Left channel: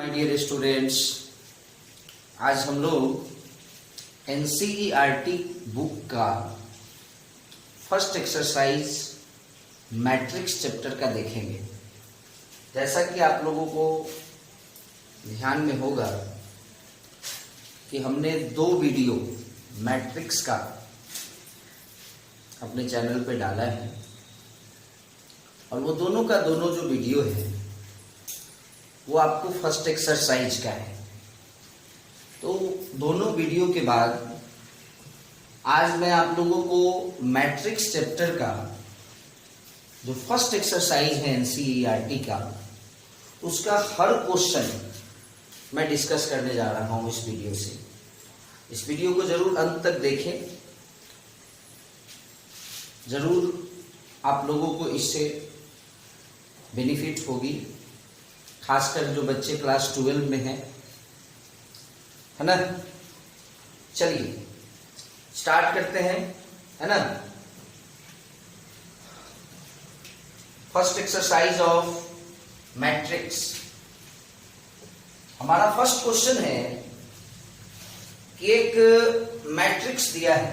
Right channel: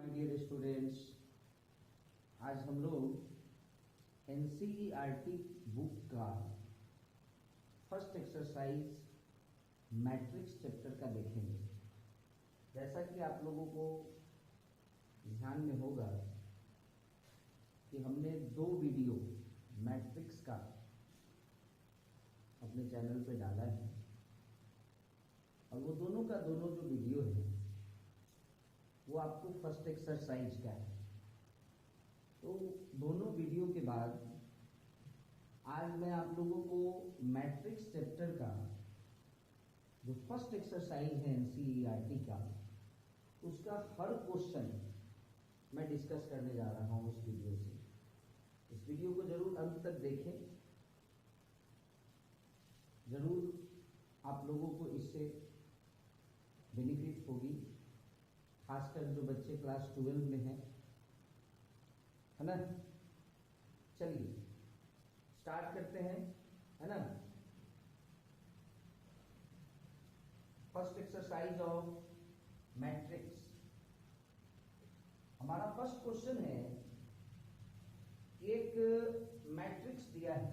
My dear students, आज हम लोग एनसीईआरटी बुक का फर्स्ट एक्सरसाइज मैट्रिक्स चैप्टर का देखेंगे। जैसा कि आप लोगों को ध्यान में होगा कि हमने 2 वीडियो मैट्रिक्स का अपने चैनल पे डाला है और वो दोनों का दोनों जो वीडियो है वो आपको फर्स्ट एक्सरसाइज का है। तो दोनों वीडियो के बाद आज मैं आप लोगों को मैट्रिक्स चैप्टर का जो फर्स्ट एक्सरसाइज है एनसीईआरटी का, उसका हर क्वेश्चन मैं डिस्कस करने जा रहा हूं इस वीडियो से। इस वीडियो को जरूर अंत तक देखें, जरूर आप लोगों को इससे बेनिफिट होगी, खासकर जो बच्चे क्लास 12 में हैं, है ना। चलिए स्टार्ट करते हैं, है ना। First exercise of matrix. हमारा फर्स्ट क्वेश्चन है कि एक मैट्रिक्स दिया है,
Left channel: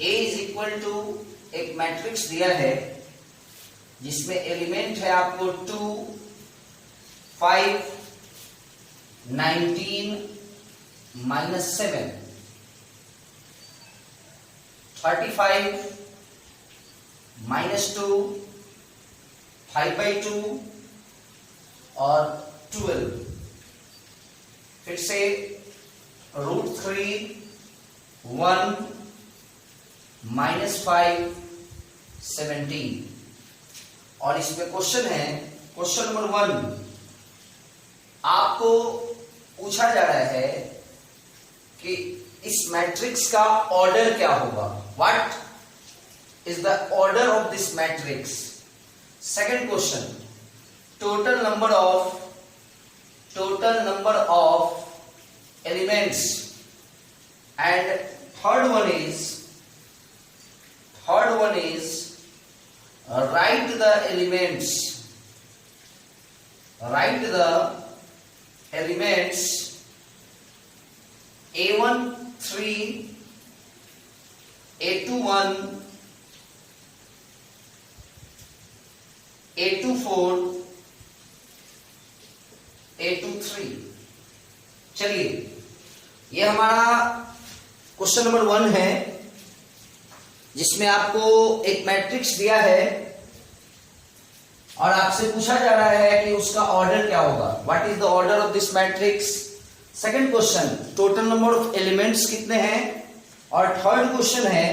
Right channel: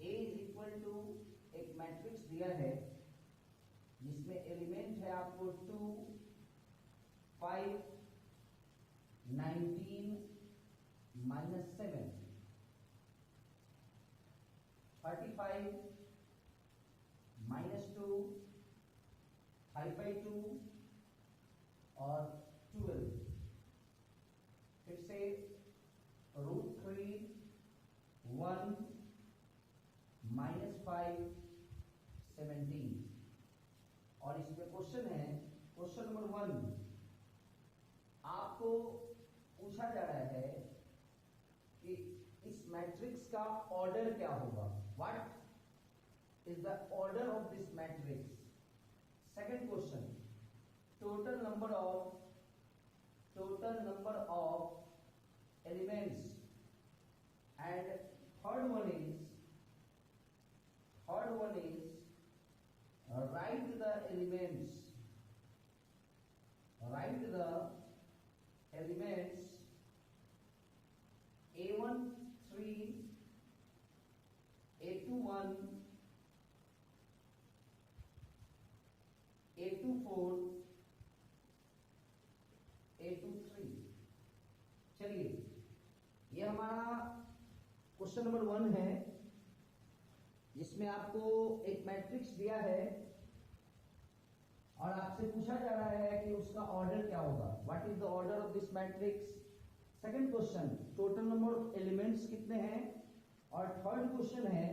A इज इक्वल टू एक मैट्रिक्स दिया है जिसमें एलिमेंट है आपको 2, 5, 19, -7, 35, -2, 5/2 और 12। फिर से √3, 1, -5, 17। और इसमें क्वेश्चन है, क्वेश्चन नंबर 1, आपको पूछा जा रहा है कि इस मैट्रिक्स का ऑर्डर क्या होगा। What is the order of this matrix. Second question, total number of elements. And third one is write the elements A1 3, A2 1, A2 4, A2 3। चलिए, ये हमारा क्वेश्चन नंबर 1 है जिसमें आपको एक मैट्रिक्स दिया है और आपसे पूछा जा रहा है कि उसका ऑर्डर क्या होगा। What is the order of this matrix. Second question, total number of elements कितने हैं। और थर्ड क्वेश्चन है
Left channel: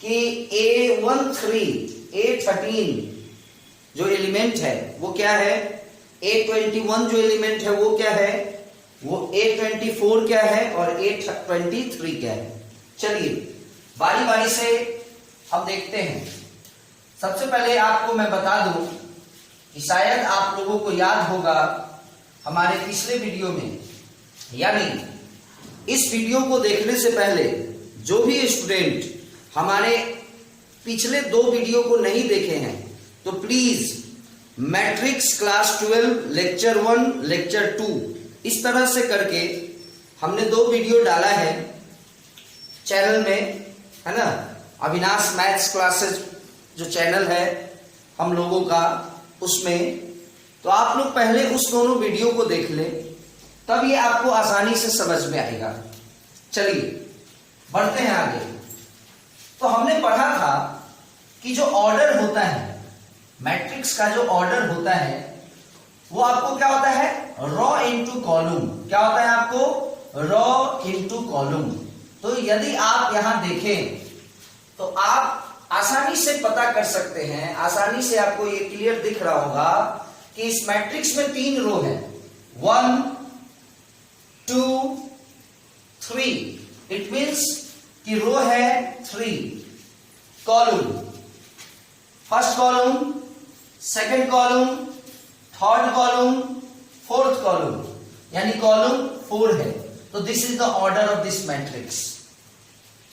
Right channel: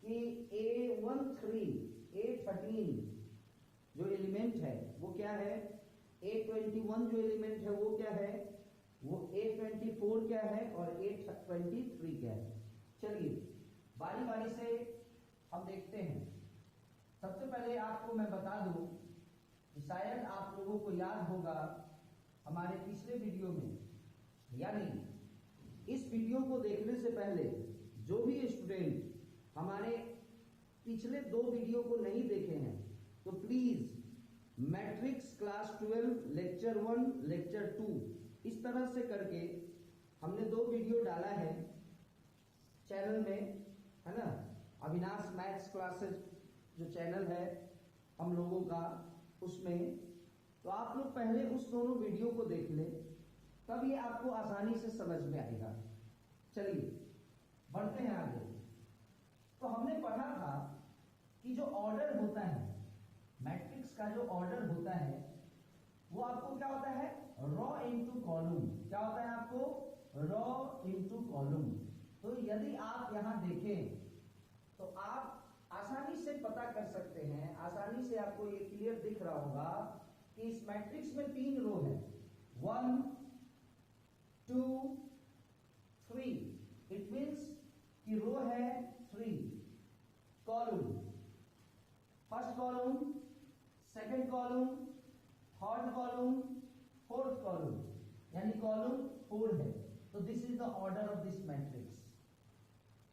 कि A13 जो एलिमेंट है वो क्या है, A21 जो एलिमेंट है वो क्या है, वो A24 क्या है और A23 क्या है। चलिए बारी बारी से हम देखते हैं। सबसे पहले आपको मैं बता दूं कि शायद आप लोगों को याद होगा हमारे पिछले वीडियो में, यानी इस वीडियो को देखने से पहले जो भी स्टूडेंट हमारे पिछले 2 वीडियो को नहीं देखे हैं तो please matrix class 12 lecture 1 lecture 2 इस तरह से करके हमने 2 वीडियो डाला है चैनल में, है ना। अविनाश मैथ्स क्लासेस जो चैनल है हम लोगों का, उसमें तो आप लोग पहले उस दोनों वीडियो को देख लें, तब ये आपको आसानी से समझ में आएगा। चलिए बढ़ते हैं आगे। तो हमने पढ़ा था कि जो ऑर्डर होता है मैट्रिक्स का, जो ऑर्डर होता है वो आपको क्या होता है, रॉ इनटू कॉलम। क्या होता है आपको, रॉ इनटू कॉलम। तो यदि आप यहां देखें तो आप आसानी से पता कर सकते हैं, आसानी से आपको ये क्लियर दिख रहा होगा कि इस मैट्रिक्स में 3 रो है, 1, 2, 3। इट मींस कि रो है 3, column, first column, second column, third column, fourth column, यानी कॉलम 4 है। तो this is the order of this matrix.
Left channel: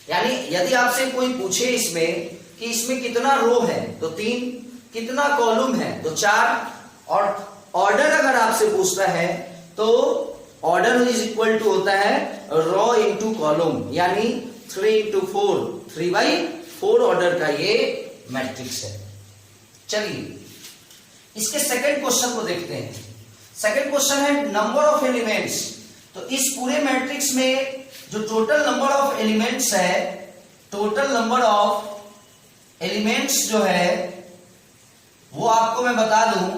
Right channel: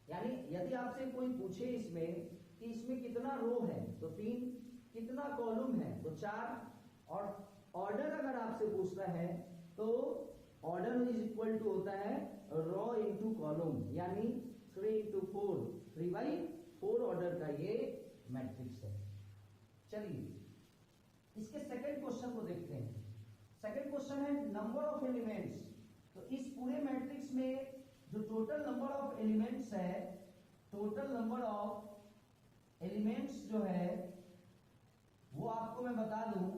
यानी यदि आपसे कोई पूछे इसमें कि इसमें कितना रो है तो 3, कितना कॉलम है तो 4, और ऑर्डर अगर आपसे पूछता है तो ऑर्डर इज इक्वल टू होता है रो इंटू कॉलम, यानी 3 इंटू 4, 3/4 ऑर्डर का ये मैट्रिक्स है। चलिए इसके सेकंड क्वेश्चन को देखते हैं। सेकंड क्वेश्चन है नंबर ऑफ एलिमेंट्स। तो इस पूरे मैट्रिक्स में जो टोटल नंबर ऑफ एलिमेंट्स है, टोटल नंबर ऑफ एलिमेंट्स जो है वो आपको मैं बता दूं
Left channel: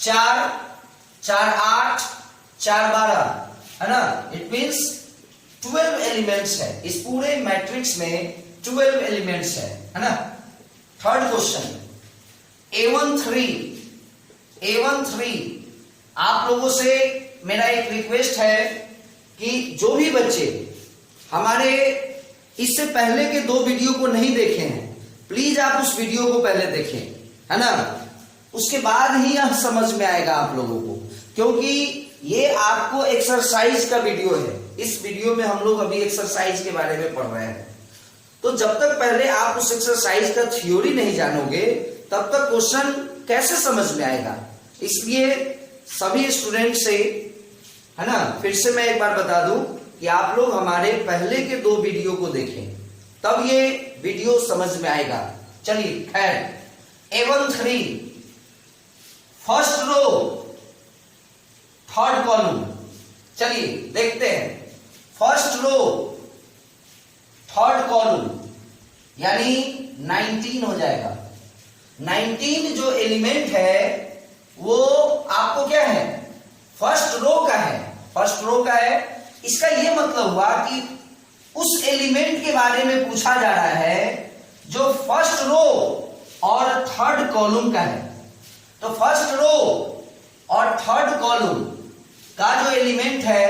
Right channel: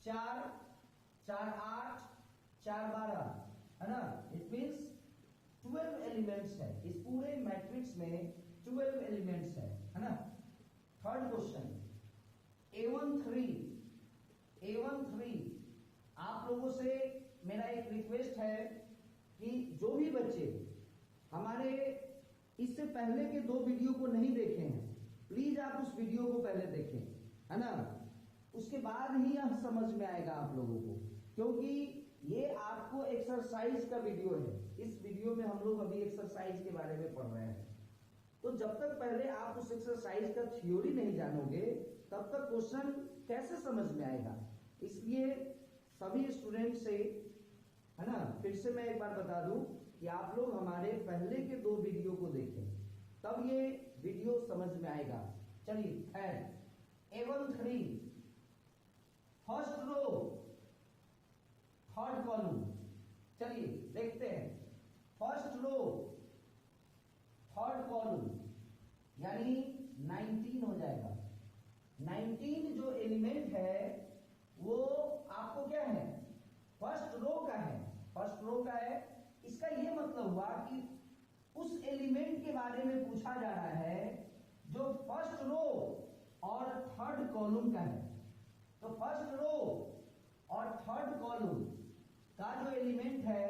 4, 4, 8, 4, 12 है ना। इट मींस 12 एलिमेंट्स है इस पूरे मैट्रिक्स में, 12 एलिमेंट्स है ना। थर्ड क्वेश्चन A13 आप लोगों से मेरा एक रिक्वेस्ट है कि जो भी बच्चे हमारे इससे पहले के 2 वीडियो को नहीं देखे हैं, प्लीज आप उस वीडियो को पहले देखें, है ना। उसके बाद ही यह समझ में आएगा आप लोगों को, क्योंकि ये आपको एक्सरसाइज का वीडियो है। इस वीडियो में हम लोग अभी एक्सरसाइज के बारे में पढ़ रहे हैं। तो जब तक पहले आप उस एक्सरसाइज का थ्योरी नहीं जानोगे तब तक क्वेश्चन कैसे समझ में आएगा। इसलिए सभी स्टूडेंट से, है ना, फिर से मैं एक बार बता दूं कि आप लोग हमारे पहले के 2 वीडियो को देखें, तब ये वीडियो समझ में आएगा। चलिए खैर A13 first row third column, चलिए देखते हैं। फर्स्ट रो थर्ड कॉलम यानी 19 हो जाएगा। 19 जो एलिमेंट है वो आपको क्या है, फर्स्ट रो का है, फर्स्ट रो का है। इसका ये मतलब हुआ कि उस एलिमेंट के बारे में पूछा जा रहा है जो फर्स्ट रो और थर्ड कॉलम का है। तो फर्स्ट रो और थर्ड कॉलम का जो एलिमेंट है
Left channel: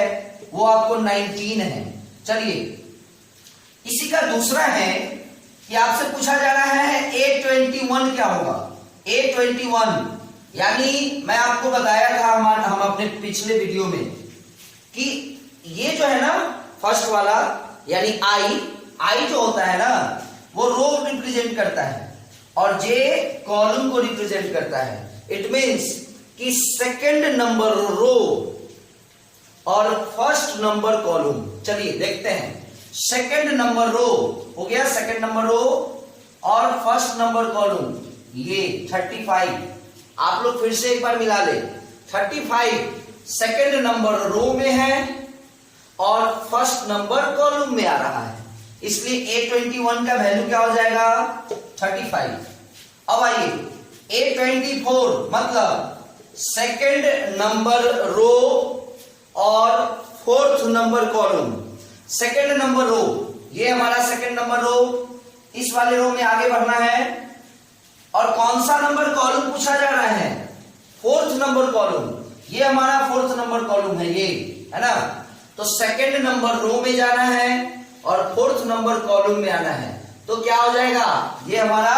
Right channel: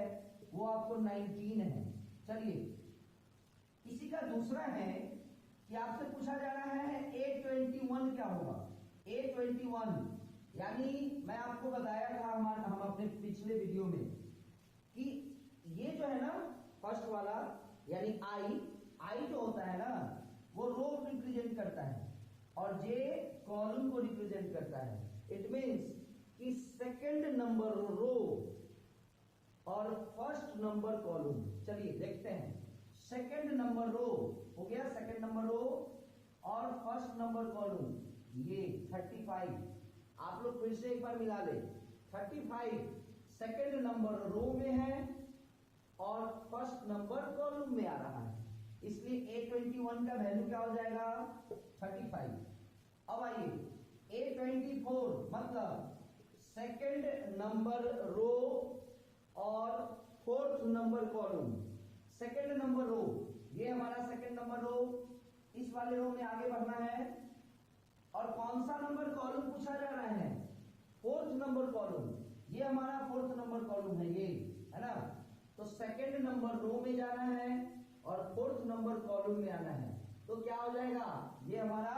वो आपको 19 है। चलिए इसी का दूसरा है कि आपसे पूछा जा रहा है A21 क्या होगा। A21 यानी मैं आपको बताया था हम अपने पिछले वीडियो में कि ये जो है ना फर्स्ट वाला यानी आई जो होता है ना वो रो रिप्रेजेंट करता है और जे कॉलम को रिप्रेजेंट करता है। इट मींस कि सेकंड नंबर रो और फर्स्ट नंबर कॉलम। चलिए देखते हैं। सेकंड नंबर रो हो गया, सेकंड नंबर रो और फर्स्ट नंबर कॉलम ये 35। आप लोग फिर से एक बार मिला ले। 35 सेकंड नंबर रो में है और फर्स्ट नंबर कॉलम में आ रहा है, इसलिए A21 का वैल्यू क्या हो जाएगा 35। अब आइए A24 मतलब सेकंड नंबर रो और fourth number column. Second number row ये हमारा सेकंड नंबर रो, इस वाले रो में आगे बढ़ना है और कौन सा नंबर कॉलम पूछा जा रहा है, फोर्थ नंबर कॉलम। ये हमारा फोर्थ नंबर कॉलम है, ये है ना। तो सेकंड नंबर रो में जाना है और फोर्थ नंबर कॉलम में आना है, तो क्या हो जाएगा ये हमारा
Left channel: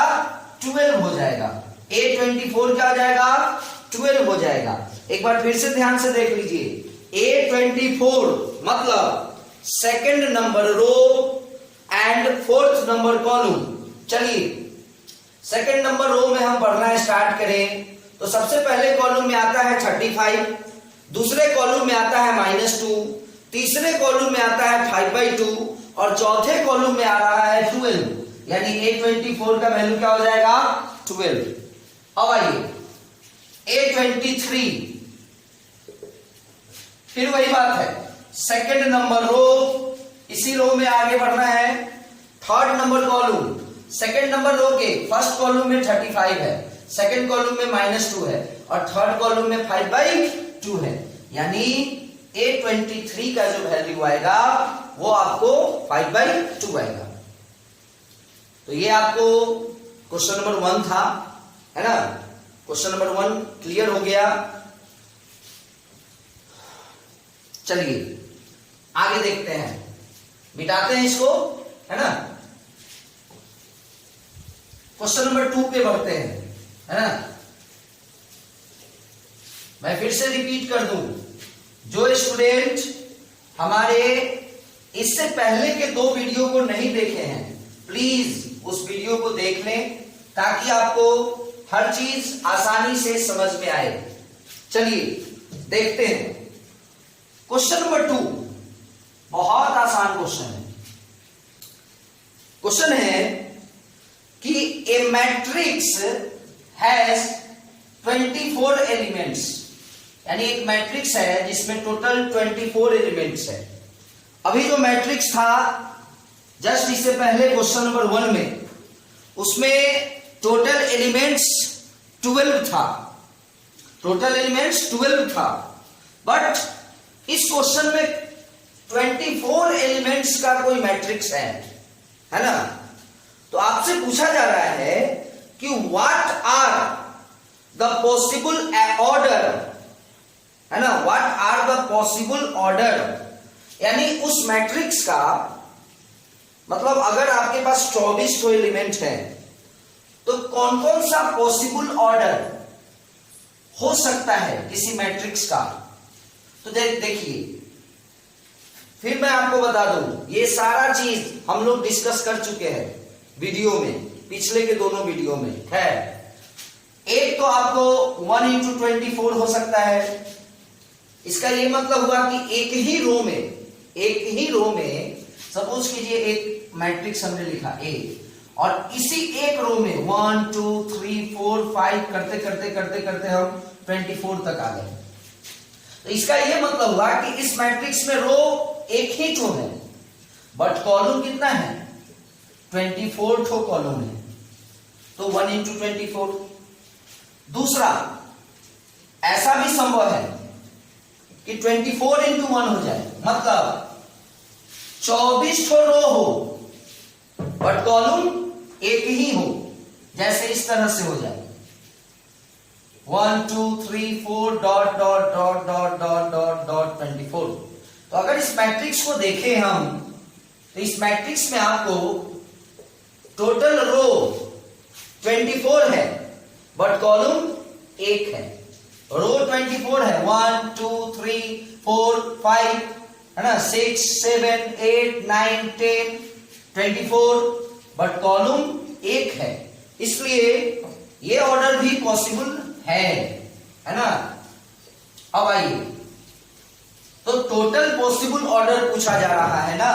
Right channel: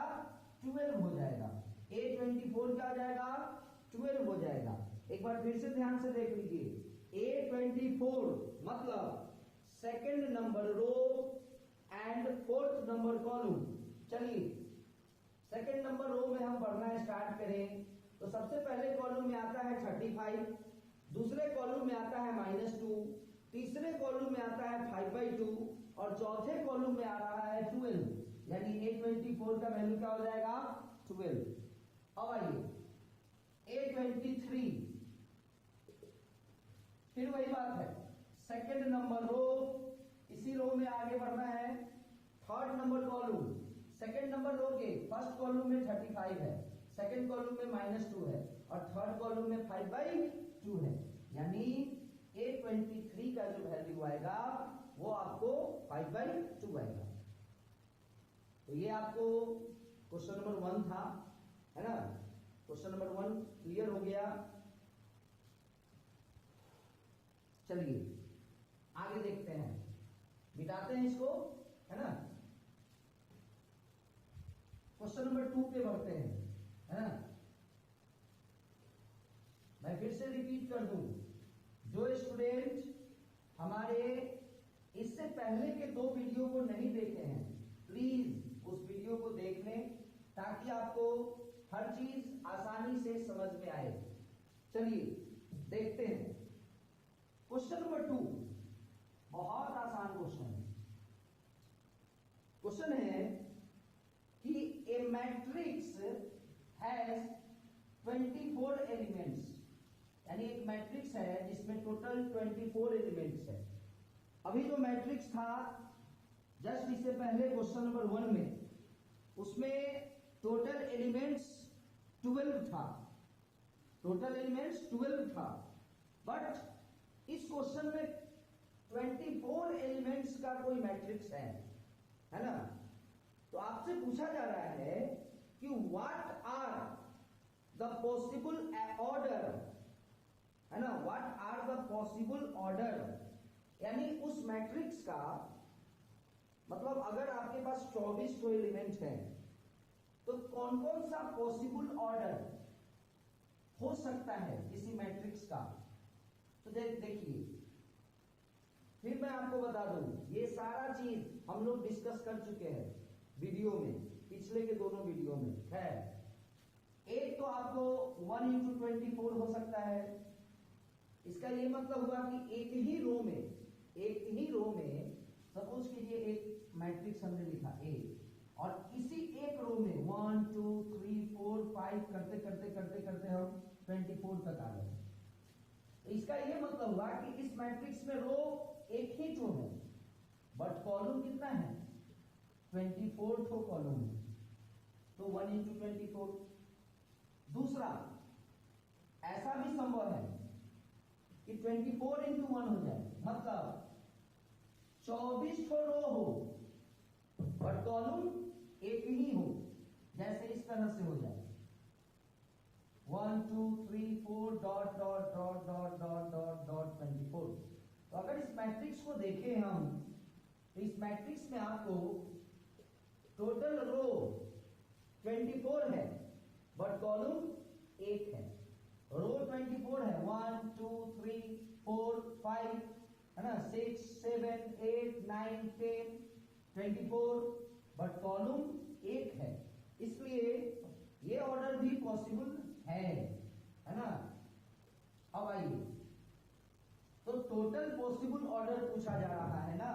12 हो जाएगा। A24 क्या हो जाएगा 12 हो जाएगा। एक बार फिर से ध्यान से देख लीजिए। A24 मतलब second number row and fourth number column. चलिए सेकंड नंबर रो में हम पढ़ना स्टार्ट करें तो सबसे पहले कॉलम में आता है 35, दूसरे कॉलम में आता है -2, तीसरे कॉलम में आता है 5/2 और चौथे कॉलम में आ रहा है 12, यानी A24 का वैल्यू क्या हो जाएगा 12। अब आइए A23, फिर वही बात है, सेकंड नंबर रो, इसी रो में आगे बढ़ना है। Third number column, second number row के फर्स्ट कॉलम में 35 है, सेकंड कॉलम में -2 है और थर्ड कॉलम में 5/2 है, यानी A23 का जो वैल्यू आएगा वो आपको 5/2 आएगा। तो ये आपको क्वेश्चन नंबर 1 था, है ना। क्वेश्चन नंबर 1 क्लियर हो गया। चलिए आगे देखते हैं, मिटाते हैं इसको, है ना। क्वेश्चन नंबर 2 पे बढ़ते हैं, है ना। मैं फिर से रिपीट कर दूं, जो स्टूडेंट हमारे इससे पहले के 2 वीडियो को नहीं देखे हैं प्लीज उस वीडियो को देख लें ताकि आपको हर चीज आसानी से समझ में आए। चलिए देखते हैं क्वेश्चन नंबर 2। बहुत आसान क्वेश्चन है। क्वेश्चन है कि ए मैट्रिक्स हैज 24 एलिमेंट्स, यानी एक मैट्रिक्स है जिसमें टोटल 24 एलिमेंट्स है। अभी जो मैट्रिक्स था जस्ट इससे पहले क्वेश्चन नंबर 1 में, उसमें टोटल एलिमेंट्स 12 था, टोटल एलिमेंट्स 12 था। बट इस क्वेश्चन में 24 एलिमेंट्स का कोई मैट्रिक्स है ना। तो आपसे पूछा जा रहा है कि what are the possible order, है ना, what are the possible order, यानी उस मैट्रिक्स का मतलब अगर आपके पास 24 एलिमेंट है तो कौन कौन सा पॉसिबल ऑर्डर हो सकता है किसी मैट्रिक्स का। तो देखिए, फिर मैं आपको बता दूं, ये सारा चीज हम लोग डिस्कस कर चुके हैं वीडियो में, पिछले के दोनों वीडियो में है। एक तो आपको 1 into 24 हो सकता है। इसका ये मतलब हुआ कि एक ही रो में सपोज कीजिए एक मैट्रिक्स हमने लिखा ए, और इसी एक रो में 1 2 3 4 5 करते करते करते करते हम 24 तक आ गए। तो इसका ये मतलब हुआ कि इस मैट्रिक्स में रो एक ही ठो है, बट कॉलम कितना है, 24 ठो कॉलम है। तो 1 into 24। दूसरा, ऐसा भी संभव है कि 24 into 1 हो जाए, मतलब 24 ठो रो हो बट कॉलम एक ही हो, जैसे इस तरह से हो जाए 1 2 3 4 dot dot dot dot dot dot dot 24। तो अगर इस मैट्रिक्स को देखें हम, तो इस मैट्रिक्स में आपको टोटल रो 24 है बट कॉलम एक है। रो 24 है, 1 2 3 4 5, है ना, 6 7 8 9 10 24, बट कॉलम एक है, इसलिए ये ऑर्डर भी पॉसिबल है ना। अब आइए, तो टोटल पॉसिबल ऑर्डर पूछा जा रहा है ना।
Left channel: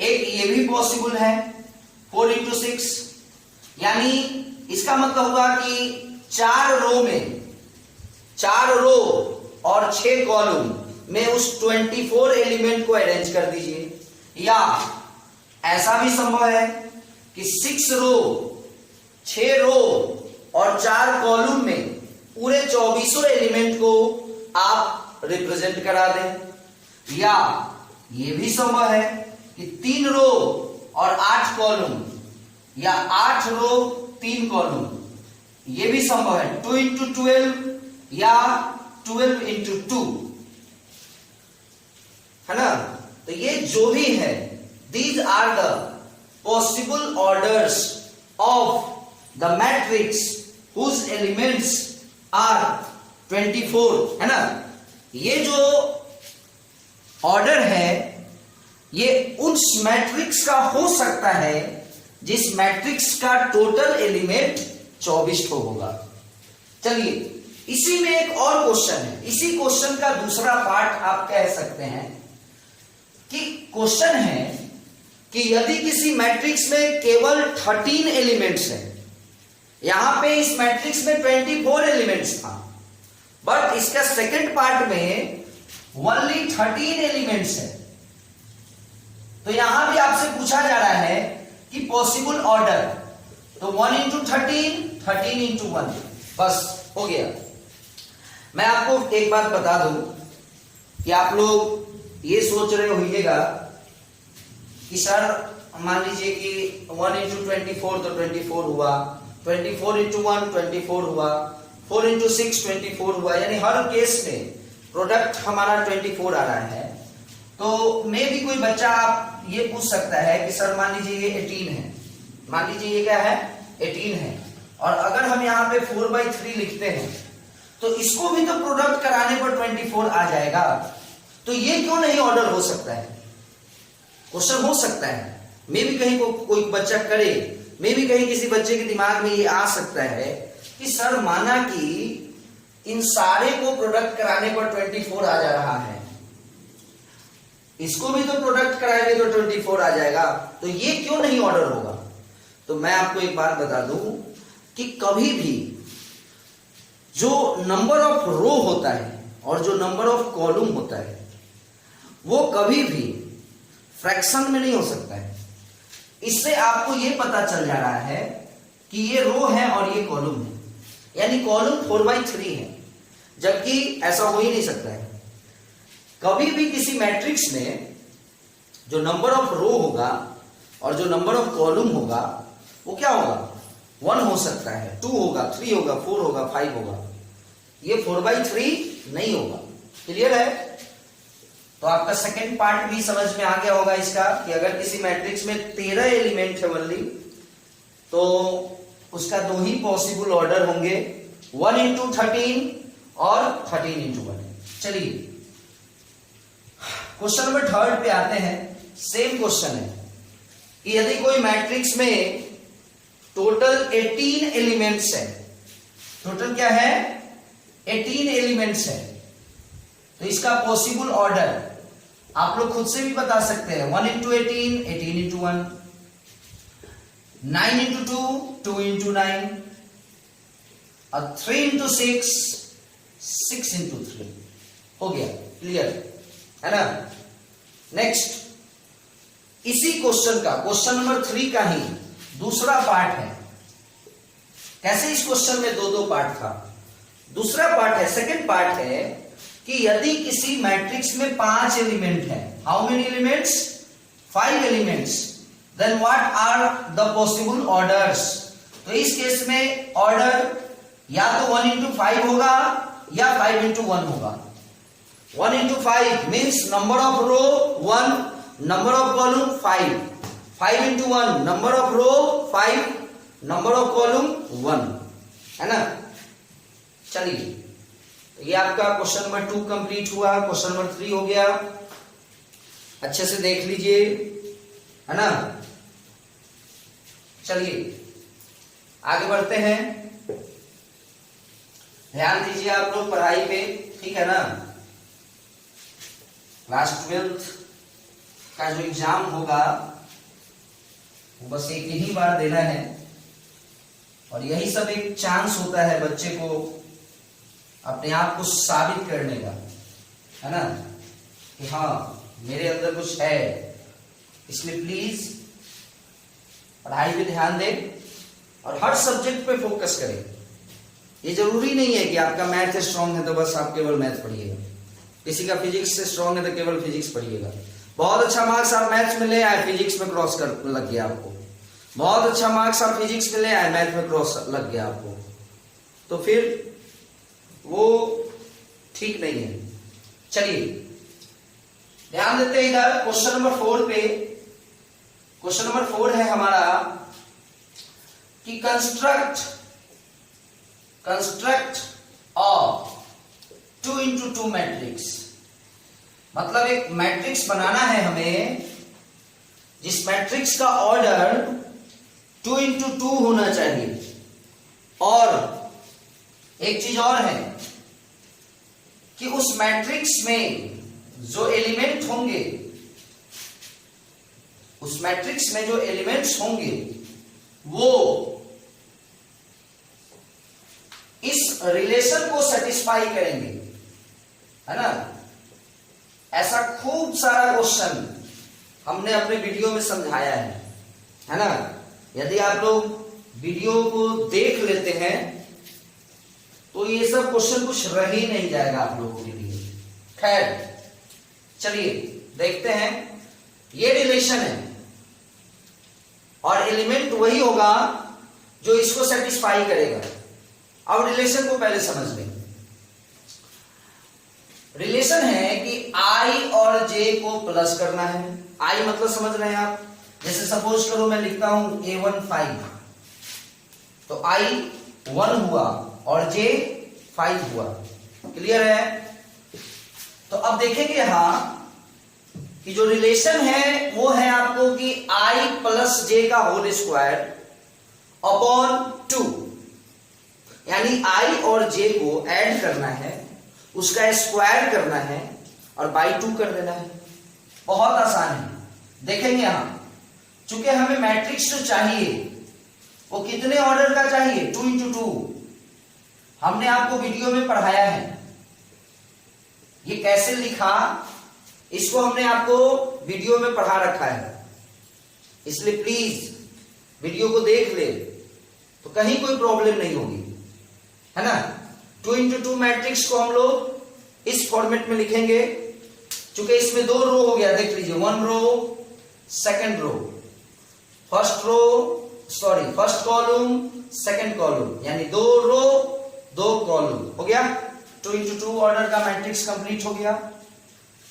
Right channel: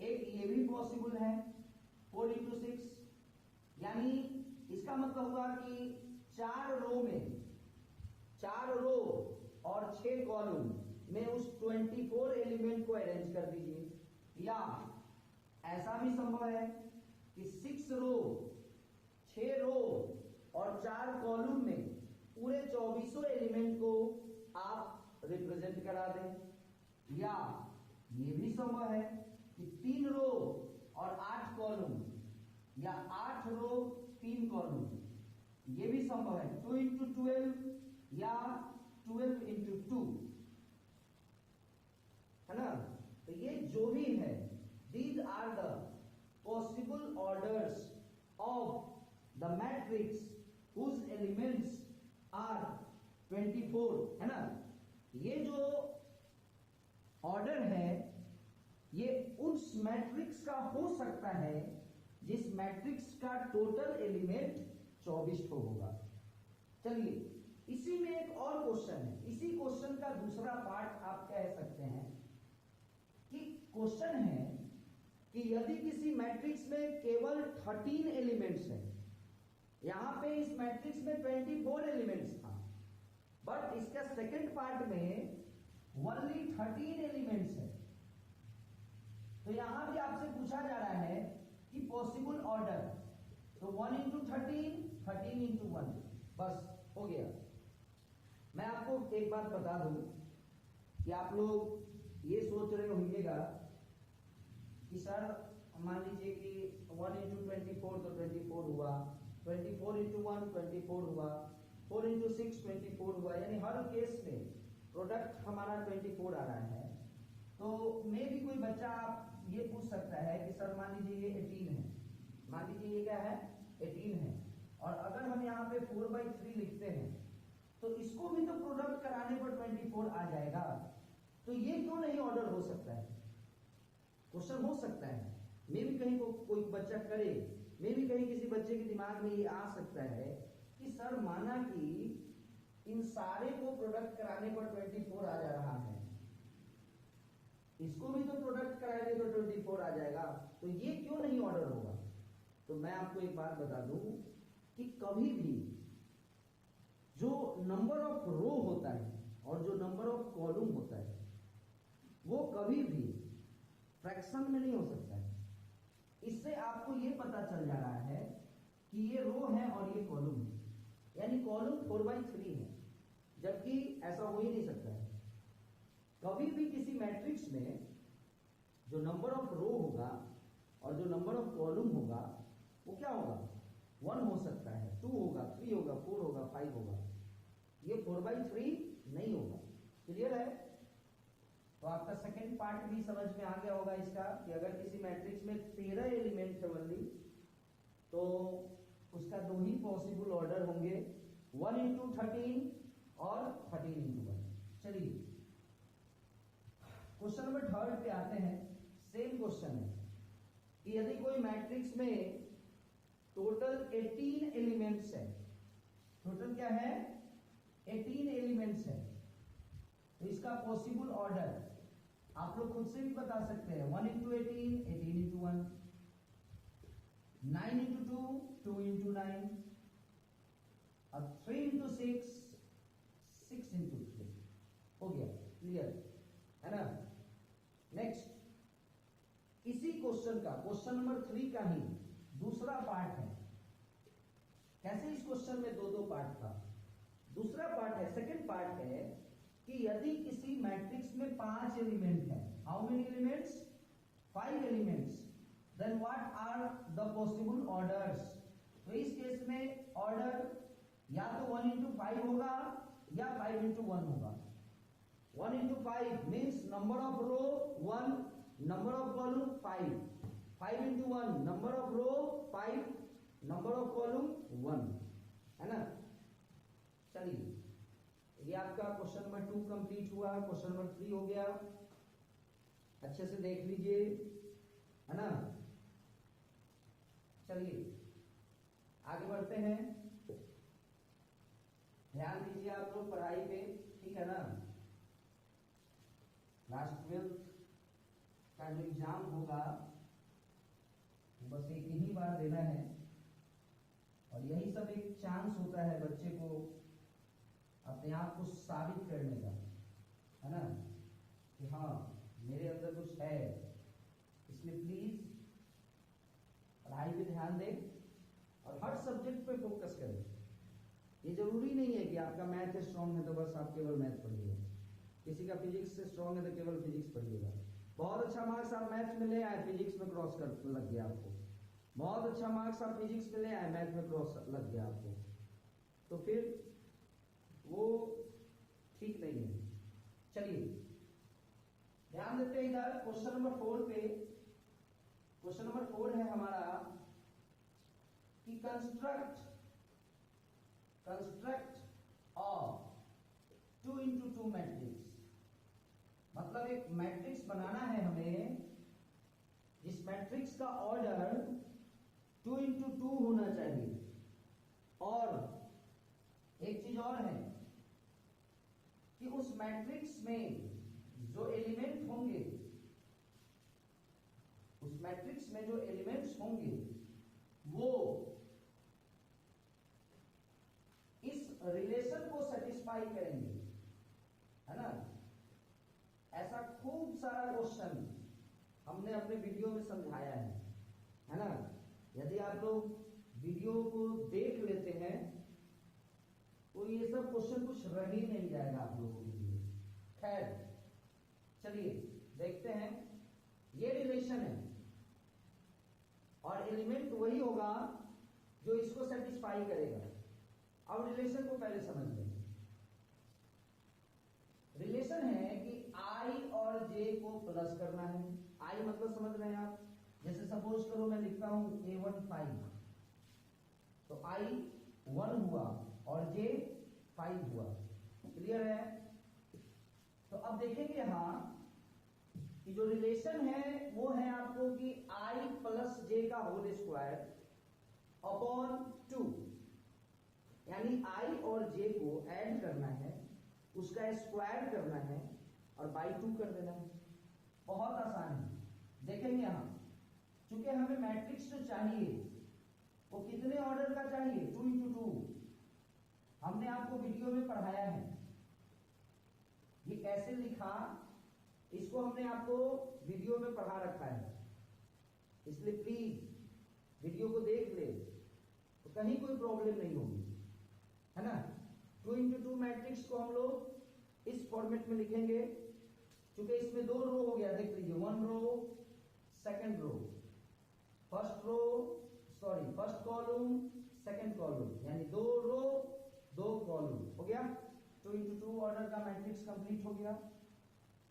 एक ये भी पॉसिबल है 4 into 6, यानी इसका मतलब हुआ कि 4 रो और 6 कॉलम में उस 24 एलिमेंट को अरेंज कर दीजिए। या ऐसा भी संभव है कि 6 रो और 4 कॉलम में पूरे 24 एलिमेंट को आप रिप्रेजेंट करा दें। या ये भी संभव है कि 3 रो और 8 कॉलम, या 8 रो 3 कॉलम, ये भी संभव है। 2 into 12 या 12 into 2, है ना। तो ये जो भी है, these are the possible orders of the matrix whose elements are 24, है ना। ये जो ऑर्डर है ये उस मैट्रिक्स का हो सकता है जिस मैट्रिक्स का टोटल एलिमेंट 24 होगा। चलिए, इसी में एक और क्वेश्चन है, इसी क्वेश्चन का दूसरा पार्ट आप कह सकते हैं कि क्वेश्चन है कि यदि किसी मैट्रिक्स में केवल 13 एलिमेंट्स है, यहां पे इस मैट्रिक्स में 24 एलिमेंट्स था, बट इसका सेकंड पार्ट में ओनली 13 एलिमेंट्स है, तो यहां भी आपसे पूछा जा रहा है कि पॉसिबल ऑर्डर, तो 1 into 13 13 into 1, बस हो गया। मैं आपको एक बात बता दूं कि आप लोग ये सोच रहे होइएगा कि सर मान लीजिए कि 1 into 24 तो 24 हुआ, 24 into 1 24 हुआ, 4 into 6 24 हुआ, यानी हर केस में प्रोडक्ट हमारा 24 आ रहा है। तो मे भी कोई बच्चा आप ये पूछ सकता है कि सर मान लीजिए ये 18 है, मान लीजिए ये क्या है 18 है, और अगर हम यहाँ पे 4/3 लिखते हैं तो इसको भी तो प्रोडक्ट कराने पर 24 आ जाएगा, तो ये क्यों नहीं ऑर्डर हो सकता है। क्वेश्चन हो सकता है, मे भी कहीं कोई बच्चा करे, मे भी कहीं किसी बच्चे के दिमाग में ये आ सकता है कि सर माना कि इन सारे को प्रोडक्ट कराने पर 24 आ जा रहा है, इसको भी तो प्रोडक्ट कराएंगे तो 24 आ जाएगा, तो ये क्यों नहीं ऑर्डर होगा? तो मैं आपको एक बात बता दूं कि कभी भी जो नंबर ऑफ रो होता है और जो नंबर ऑफ कॉलम होता है वो कभी भी फ्रैक्शन में नहीं हो सकता है। इससे आपको ये पता चल जा रहा है कि ये रो है और ये कॉलम है, यानी कॉलम 4/3 है, जबकि ऐसा हो ही नहीं सकता है। कभी भी किसी मैट्रिक्स में जो नंबर ऑफ रो होगा और जो नंबर ऑफ कॉलम होगा वो क्या होगा? 1 हो सकता है, 2 होगा, 3 होगा, 4 होगा, 5 होगा, ये 4/3 नहीं होगा। क्लियर है? तो आपका सेकंड पार्ट भी समझ में आ गया होगा इसका कि अगर किसी मैट्रिक्स में 13 एलिमेंट है ओनली तो उसका 2 ही पॉसिबल ऑर्डर होंगे, 1 into 13 और 13 into 1। चलिए क्वेश्चन नंबर 3 पे आते हैं। सेम क्वेश्चन है कि यदि कोई मैट्रिक्स में टोटल 18 एलिमेंट्स है, टोटल क्या है? 18 एलिमेंट्स है, तो इसका पॉसिबल ऑर्डर आप लोग खुद से भी बता सकते हैं। 1 into 18, 18 into 1, 9 into 2, 2 into 9, और 3 into 6, 6 into 3 हो गया। क्लियर है ना? नेक्स्ट इसी क्वेश्चन का, क्वेश्चन नंबर 3 का ही दूसरा पार्ट है। कैसे इस क्वेश्चन में 2 पार्ट था? दूसरा पार्ट है, सेकंड पार्ट है कि यदि किसी मैट्रिक्स में 5 एलिमेंट है, how many elements? 5 elements, then what are the possible orders? तो इस केस में ऑर्डर या तो 1 into 5 होगा या 5 into 1 होगा। 1 into 5 means number of row 1, number of column 5, 5 into 1 number of row 5, number of column 1, है ना? चलिए ये आपका क्वेश्चन नंबर 2 कंप्लीट हुआ, क्वेश्चन नंबर 3 हो गया। अच्छे से देख लीजिए, है ना? चलिए आगे बढ़ते हैं, ध्यान दीजिए आप लोग पढ़ाई पे, ठीक है ना? क्लास 12th का जो एग्जाम होगा वो बस एक ही बार देना है और यही सब एक चांस होता है बच्चे को अपने आप को साबित करने का, है ना, कि हाँ मेरे अंदर कुछ है। इसलिए प्लीज पढ़ाई पे ध्यान दें और हर सब्जेक्ट पे फोकस करें। ये जरूरी नहीं है कि आपका मैथ स्ट्रांग है तो बस आप केवल मैथ पढ़िएगा, किसी का फिजिक्स से स्ट्रांग है तो केवल फिजिक्स पढ़िएगा। बहुत अच्छा मार्क्स आप मैथ्स में ले आए, फिजिक्स में क्रॉस कर लग गया आपको। बहुत अच्छा मार्क्स आप फिजिक्स में ले आए, मैथ में क्रॉस लग गया आपको, तो फिर वो ठीक नहीं है। चलिए ध्यान देते हैं इधर क्वेश्चन नंबर 4 पे। क्वेश्चन नंबर 4 है हमारा कि कंस्ट्रक्ट ऑफ 2 into 2 मैट्रिक्स। मतलब एक मैट्रिक्स बनाना है हमें जिस मैट्रिक्स का ऑर्डर 2 into 2 होना चाहिए। और एक चीज और है कि उस मैट्रिक्स में जो एलिमेंट होंगे, उस मैट्रिक्स में जो एलिमेंट्स होंगे वो इस रिलेशन को सेटिस्फाई करेंगे, है ना? ऐसा खूब सारा क्वेश्चन हमने अपने वीडियो में समझाया है ना? यदि आप लोग वीडियो को देख लेते हैं तो ये सब क्वेश्चन कुछ रह ही नहीं जाएगा आप लोगों के लिए। खैर चलिए देखते हैं। ये रिलेशन है और एलिमेंट वही होगा जो इसको सेटिस्फाई करेगा। अब रिलेशन को पहले समझ लें। रिलेशन है कि i और j को प्लस करना है। i मतलब समझ रहे हैं आप? जैसे सपोज करो मैं लिखता हूं a1 5, तो i 1 हुआ और j 5 हुआ। क्लियर है? तो अब देखेंगे यहां कि जो रिलेशन है वो है आपको कि i प्लस j का होल स्क्वायर अपॉन 2। यानी i और j को ऐड करना है, उसका स्क्वायर करना है और बाई 2 कर देना है। बहुत आसान है। देखेंगे यहां, चूंकि हमें मैट्रिक्स जो चाहिए वो कितने ऑर्डर का चाहिए, 2 into 2। हमने आपको वीडियो में पढ़ाया है ये कैसे लिखा, इसको हमने आपको वीडियो में पढ़ा रखा है, इसलिए प्लीज वीडियो को देख ले तो कहीं कोई प्रॉब्लम नहीं होगी, है ना। 2 into 2 मैट्रिक्स को हम लोग इस फॉर्मेट में लिखेंगे। चूंकि इसमें 2 रो हो गया, देख लीजिए, 1 row, second row, first column, second column, यानी 2 रो 2 कॉलम हो गया। 2 into 2 ऑर्डर का मैट्रिक्स कंप्लीट हो गया।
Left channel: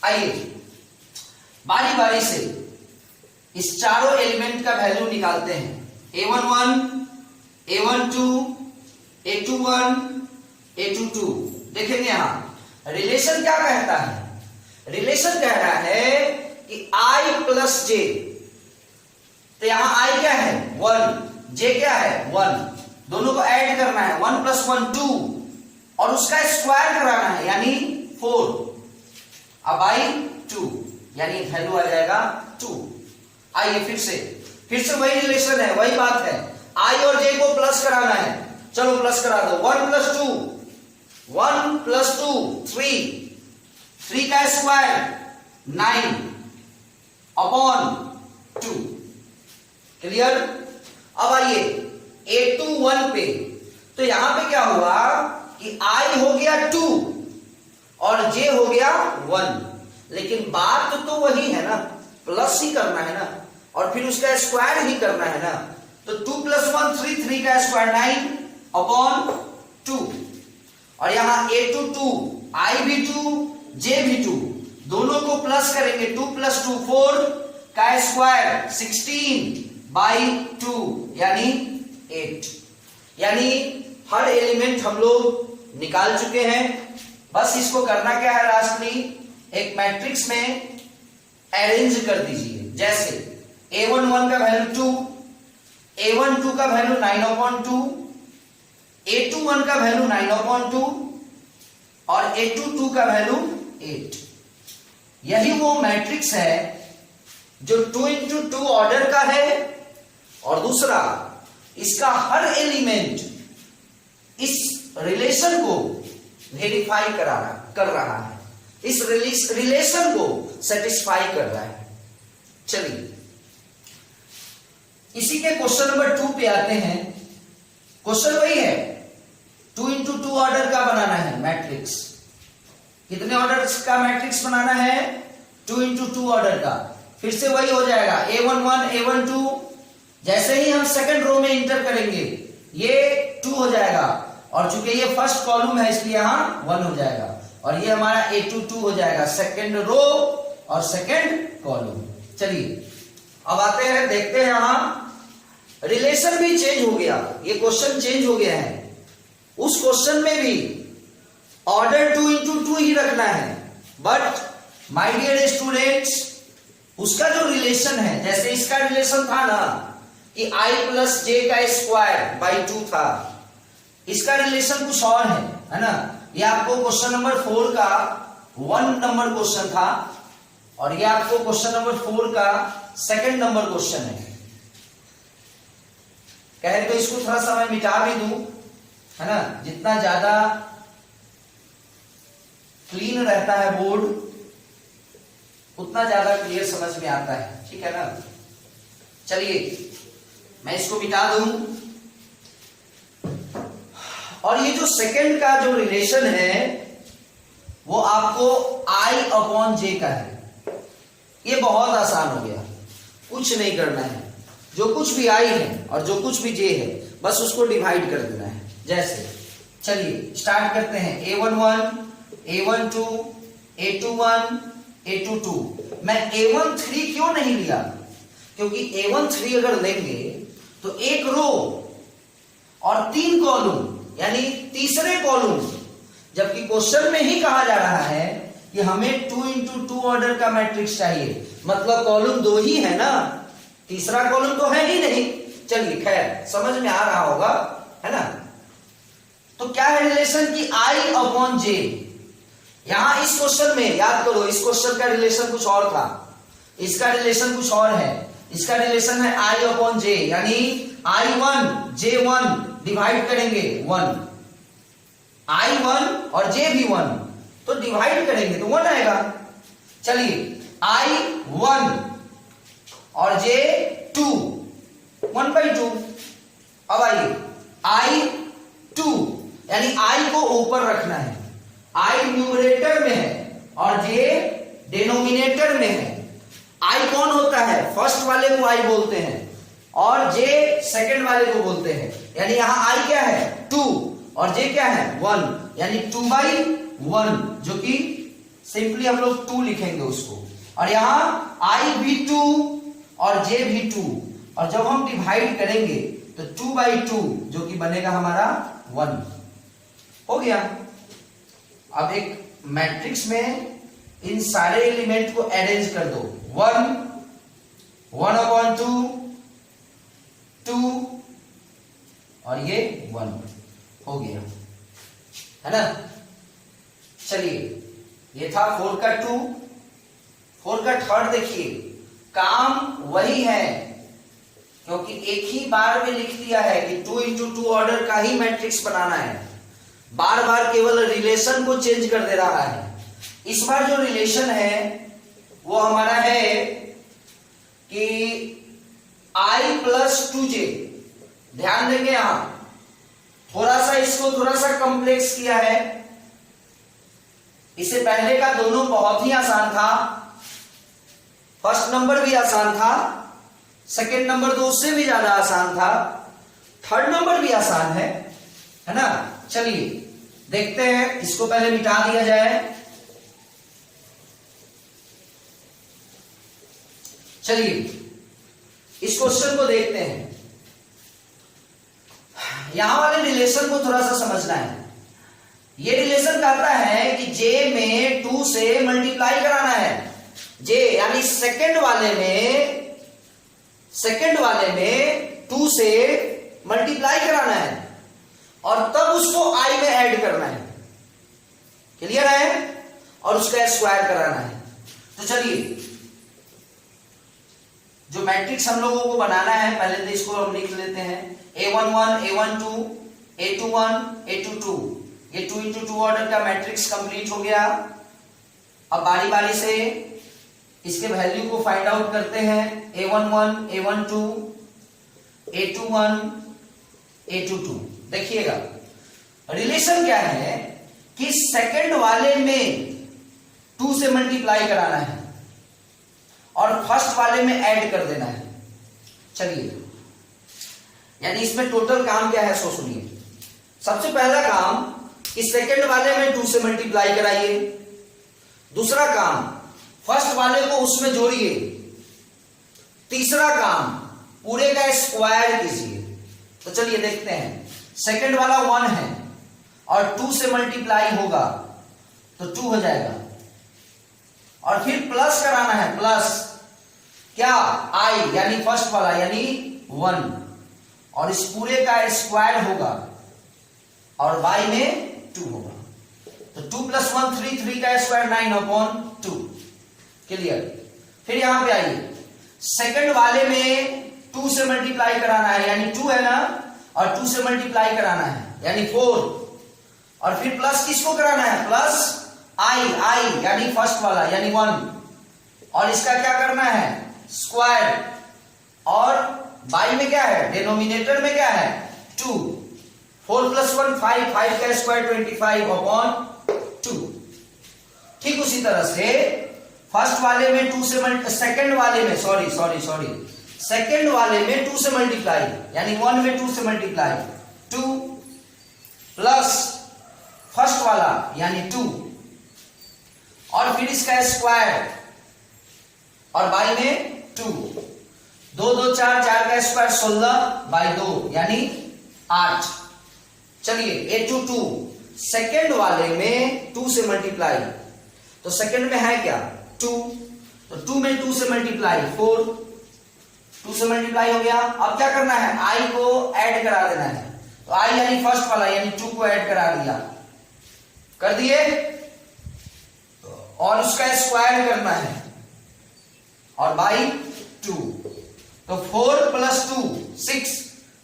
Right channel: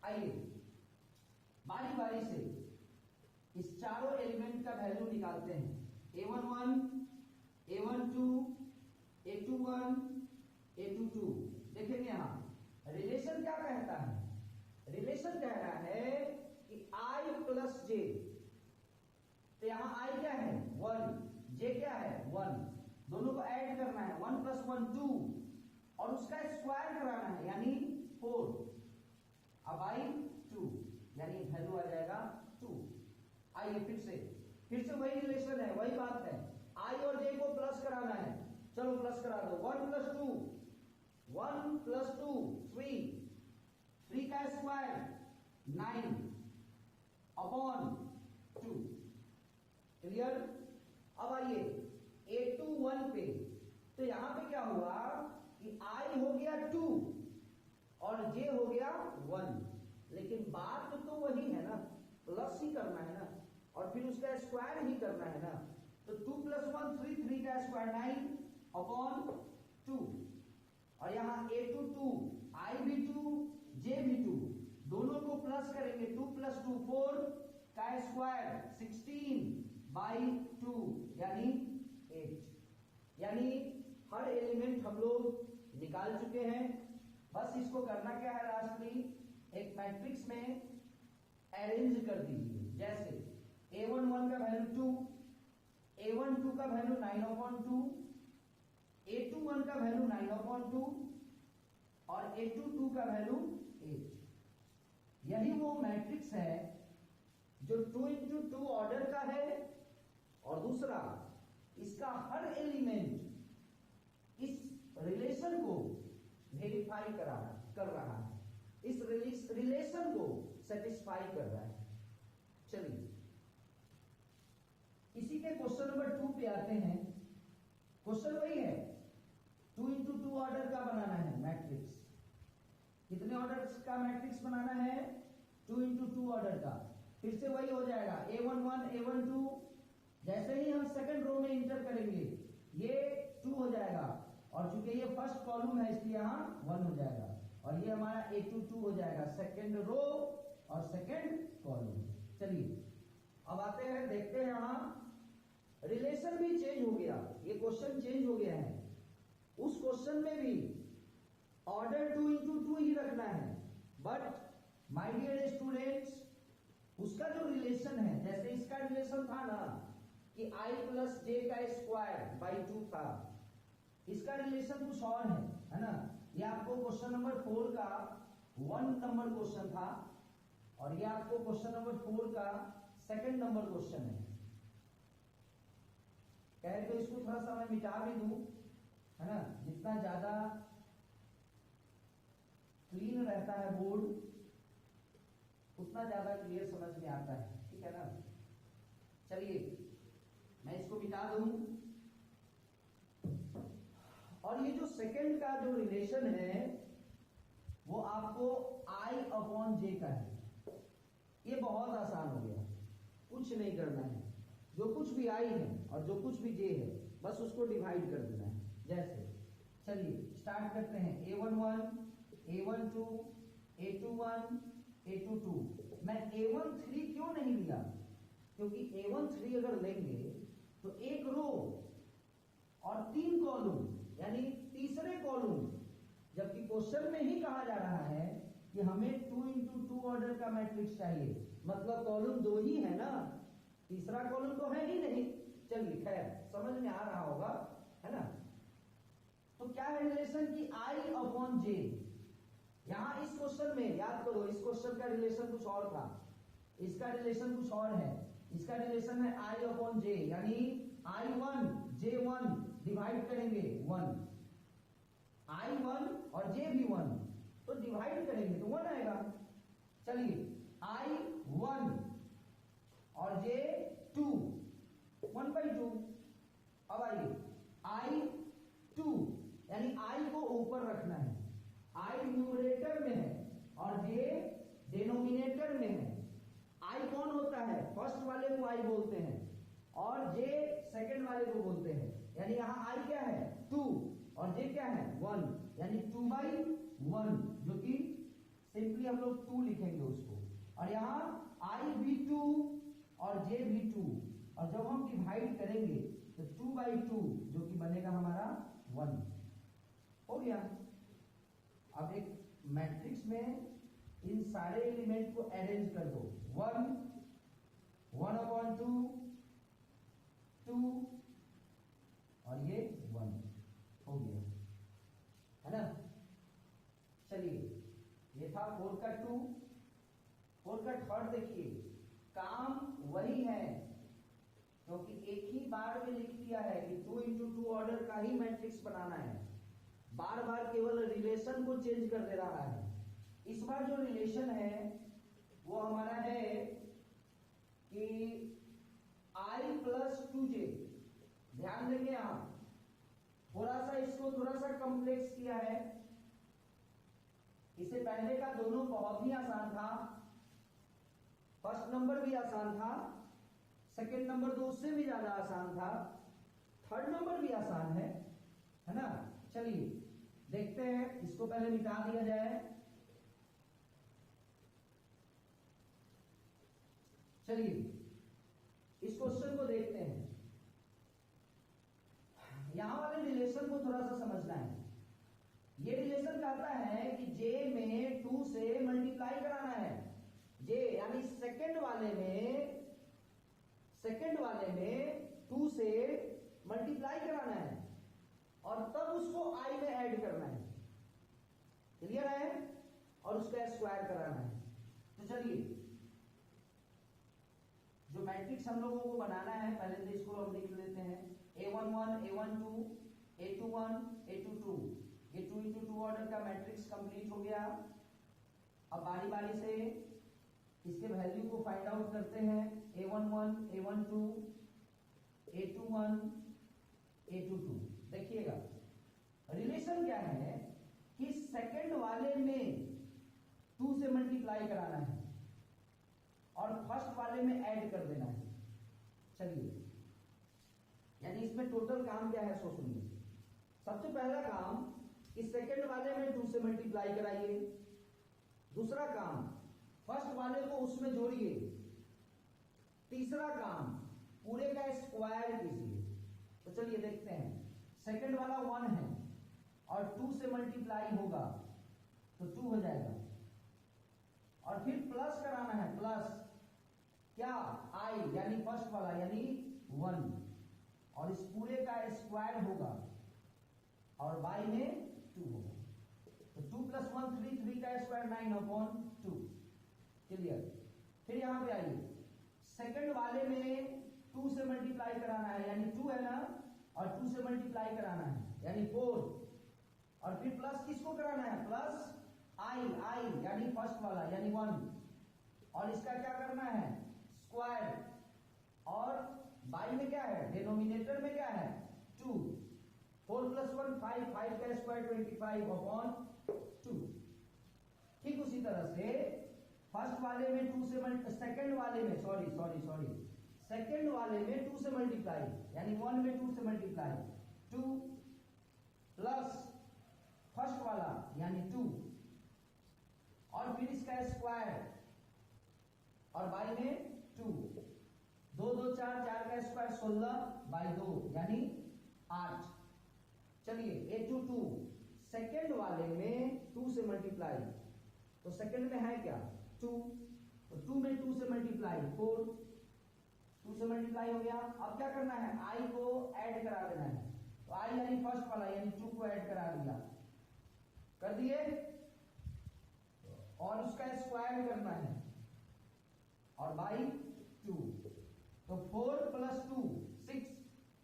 आइए बारी बारी से इस चारों एलिमेंट का वैल्यू निकालते हैं। A11, A12, A21, A22। देखेंगे यहां रिलेशन क्या कहता है, रिलेशन कह रहा है कि I प्लस J, तो यहां I क्या है 1, J क्या है 1, दोनों को ऐड करना है, 1 + 1 2 और उसका स्क्वायर कराना है यानी 4, अब बाई 2 यानी वैल्यू आ जाएगा 2। आइए फिर से वही रिलेशन है, वही बात है, I और J को प्लस कराना है, चलो प्लस करा दो। 1 + 2 1 + 2 3 का स्क्वायर 9 अपॉन 2। क्लियर। अब आइए A21 पे, तो यहां पे क्या हुआ कि I हो गया 2 और J हो गया 1, लेकिन बात तो वही है ना, प्लस ही करना है ना और फिर उसका स्क्वायर ही करना है ना। तो 2 + 1 3 का स्क्वायर 9 अपॉन 2 और यहां A22 I भी 2 J भी 2, दोनों को प्लस करेंगे, 2 + 2 4 का स्क्वायर 16/2 यानी 8। यानी हर एलिमेंट हम लोग निकाल चुके हैं। बस इसको करना क्या है राष्ट्रीय, एक मैट्रिक्स में अरेंज कर दीजिए। जैसे A11 का वैल्यू 2, A12 का वैल्यू 9/2, A21 का वैल्यू 9/2 और A22 का वैल्यू 8। यही वो मैट्रिक्स है जो 2 into 2 ऑर्डर का है और दूसरा इसका हर एलिमेंट इस रिलेशन को वेरीफाई कर रहा है, इस रिलेशन को सेटिस्फाई कर रहा है। चलिए इसी के क्वेश्चन नंबर 2 पे आते हैं। क्वेश्चन वही है, 2 into 2 ऑर्डर का बनाना है मैट्रिक्स। कितने ऑर्डर का मैट्रिक्स बनाना है, 2 into 2 ऑर्डर का। फिर से वही हो जाएगा A11 A12, जैसे ही हम सेकंड रो में इंटर करेंगे ये 2 हो जाएगा और चूंकि ये फर्स्ट कॉलम है इसलिए यहां 1 हो जाएगा और ये हमारा A22 हो जाएगा, सेकंड रो और सेकंड कॉलम। चलिए अब आते हैं, देखते हैं यहां रिलेशन भी चेंज हो गया, ये क्वेश्चन चेंज हो गया है। उस क्वेश्चन में भी ऑर्डर 2 into 2 ही रखना है, बट माय डियर स्टूडेंट्स उसका जो रिलेशन है, जैसे इसका रिलेशन था ना कि I + J का स्क्वायर बाई 2 था, इसका रिलेशन कुछ और है ना। ये आपको क्वेश्चन नंबर 4 का 1 नंबर क्वेश्चन था और ये आपको क्वेश्चन नंबर 4 का 2nd नंबर क्वेश्चन है। कहे तो इसको थोड़ा सा मैं मिटा भी दूं, है ना, जितना ज्यादा क्लीन रहता है बोर्ड उतना ज्यादा क्लियर समझ में आता है, ठीक है ना। चलिए मैं इसको मिटा दूं और ये जो सेकंड का जो रिलेशन है वो आपको I/J का है। ये बहुत आसान हो गया, कुछ नहीं करना है, जो कुछ भी I है और जो कुछ भी J है बस उसको डिवाइड कर देना है। जैसे चलिए स्टार्ट करते हैं, A11 A12 A21 A22। मैं A13 क्यों नहीं लिया, क्योंकि A13 अगर लेंगे तो 1 रो और 3 कॉलम यानी तीसरे कॉलम, जबकि क्वेश्चन में ही कहा जा रहा है कि हमें 2 into 2 ऑर्डर का मैट्रिक्स चाहिए, मतलब कॉलम 2 ही है ना, तीसरा कॉलम तो है ही नहीं। चलिए खैर समझ में आ रहा होगा, है ना। तो क्या है रिलेशन की आई अपॉन जे। यहां इस क्वेश्चन में याद करो, इस क्वेश्चन का रिलेशन कुछ और था, इसका रिलेशन कुछ और है। इसका रिलेशन है आई अपॉन जे, यानी I1 J1 डिवाइड करेंगे 1, I1 और J भी 1, तो डिवाइड करेंगे तो 1 आएगा। चलिए I1 और J2 1/2। अब आइए I2, यानी I को ऊपर रखना है, I न्यूमरेटर में है और J डिनोमिनेटर में है। I कौन होता है, फर्स्ट वाले को I बोलते हैं और J सेकंड वाले को बोलते हैं, यानी यहां I क्या है 2 और J क्या है 1, यानी 2/1, जो कि सिंपली हम लोग 2 लिखेंगे उसको। और यहां I भी 2 और J भी 2, और जब हम डिवाइड करेंगे तो 2/2, जो कि बनेगा हमारा 1। हो गया। अब एक मैट्रिक्स में इन सारे एलिमेंट को अरेंज कर दो, 1 1/2 2 और ये 1 हो गया, है ना। चलिए ये था 4 का 2, 4 का थर्ड देखिए, काम वही है क्योंकि एक ही बार में लिख दिया है कि 2x2 ऑर्डर का ही मैट्रिक्स बनाना है, बार बार केवल रिलेशन को चेंज कर दे रहा है। इस बार जो रिलेशन है वो हमारा है कि I + 2J। ध्यान देंगे यहां थोड़ा सा इसको थोड़ा सा कॉम्प्लेक्स किया है। इससे पहले का दोनों बहुत ही आसान था, फर्स्ट नंबर भी आसान था, सेकंड नंबर तो उससे भी ज्यादा आसान था, थर्ड नंबर भी आसान है ना। चलिए देखते हैं, इसको पहले मिटा दिया जाए। चलिए इस क्वेश्चन को देखते हैं। यहां वाले रिलेशन को थोड़ा सा समझना है। ये रिलेशन कहता है कि J में 2 से मल्टीप्लाई कराना है। J यानी सेकंड वाले में 2 से मल्टीप्लाई कराना है और तब उसको I में ऐड करना है। क्लियर है? और उसका स्क्वायर कराना है। तो चलिए जो मैट्रिक्स हम लोगों को बनाना है, पहले तो इसको हम लिख लेते हैं, A11 A12 A21 A22। ये 2x2 ऑर्डर का मैट्रिक्स कंप्लीट हो गया। अब बारी बारी से इसके वैल्यू को फाइंड आउट करते हैं। A11 A12 A21 A22। देखिएगा रिलेशन क्या है कि सेकंड वाले में 2 से मल्टीप्लाई कराना है और फर्स्ट वाले में ऐड कर देना है। चलिए यानी इसमें टोटल काम क्या है सो सुनिए। सबसे पहला काम, इस सेकंड वाले में 2 से मल्टीप्लाई कराइए। दूसरा काम, फर्स्ट वाले को उसमें जोड़िए। तीसरा काम, पूरे का स्क्वायर कीजिए। तो चलिए देखते हैं, सेकंड वाला 1 है और 2 से मल्टीप्लाई होगा तो 2 हो जाएगा, और फिर प्लस कराना है, प्लस क्या I यानी फर्स्ट वाला यानी 1, और इस पूरे का स्क्वायर होगा और y में 2 होगा। तो 2 + 1 3, 3 का स्क्वायर 9/2। क्लियर? फिर यहां पे आइए, सेकंड वाले में 2 से मल्टीप्लाई कराना है, यानी 2 है ना, और 2 से मल्टीप्लाई कराना है यानी 4, और फिर प्लस किसको कराना है, प्लस I यानी फर्स्ट वाला यानी 1, और इसका क्या करना है स्क्वायर, और y में क्या है, डिनोमिनेटर में क्या है 2। 4 + 1 5, 5 का स्क्वायर 25/2। ठीक उसी तरह से फर्स्ट वाले में 2 से सेकंड वाले में सेकंड वाले में 2 से मल्टीप्लाई यानी 1 में 2 से मल्टीप्लाई 2 प्लस फर्स्ट वाला यानी 2, और फिर इसका स्क्वायर और y में 2। 2 2 4, 4 का स्क्वायर 16/2 यानी 8। चलिए A22 सेकंड वाले में 2 से मल्टीप्लाई, तो सेकंड में है क्या 2, तो 2 में 2 से मल्टीप्लाई 4, 2 से मल्टीप्लाई हो गया। अब क्या करना है, I को ऐड करा देना है, तो आई यानी फर्स्ट वाला यानी 2 को ऐड करा दिया, कर दिए, और उसका स्क्वायर करना है और बाई 2, तो 4 + 2 6,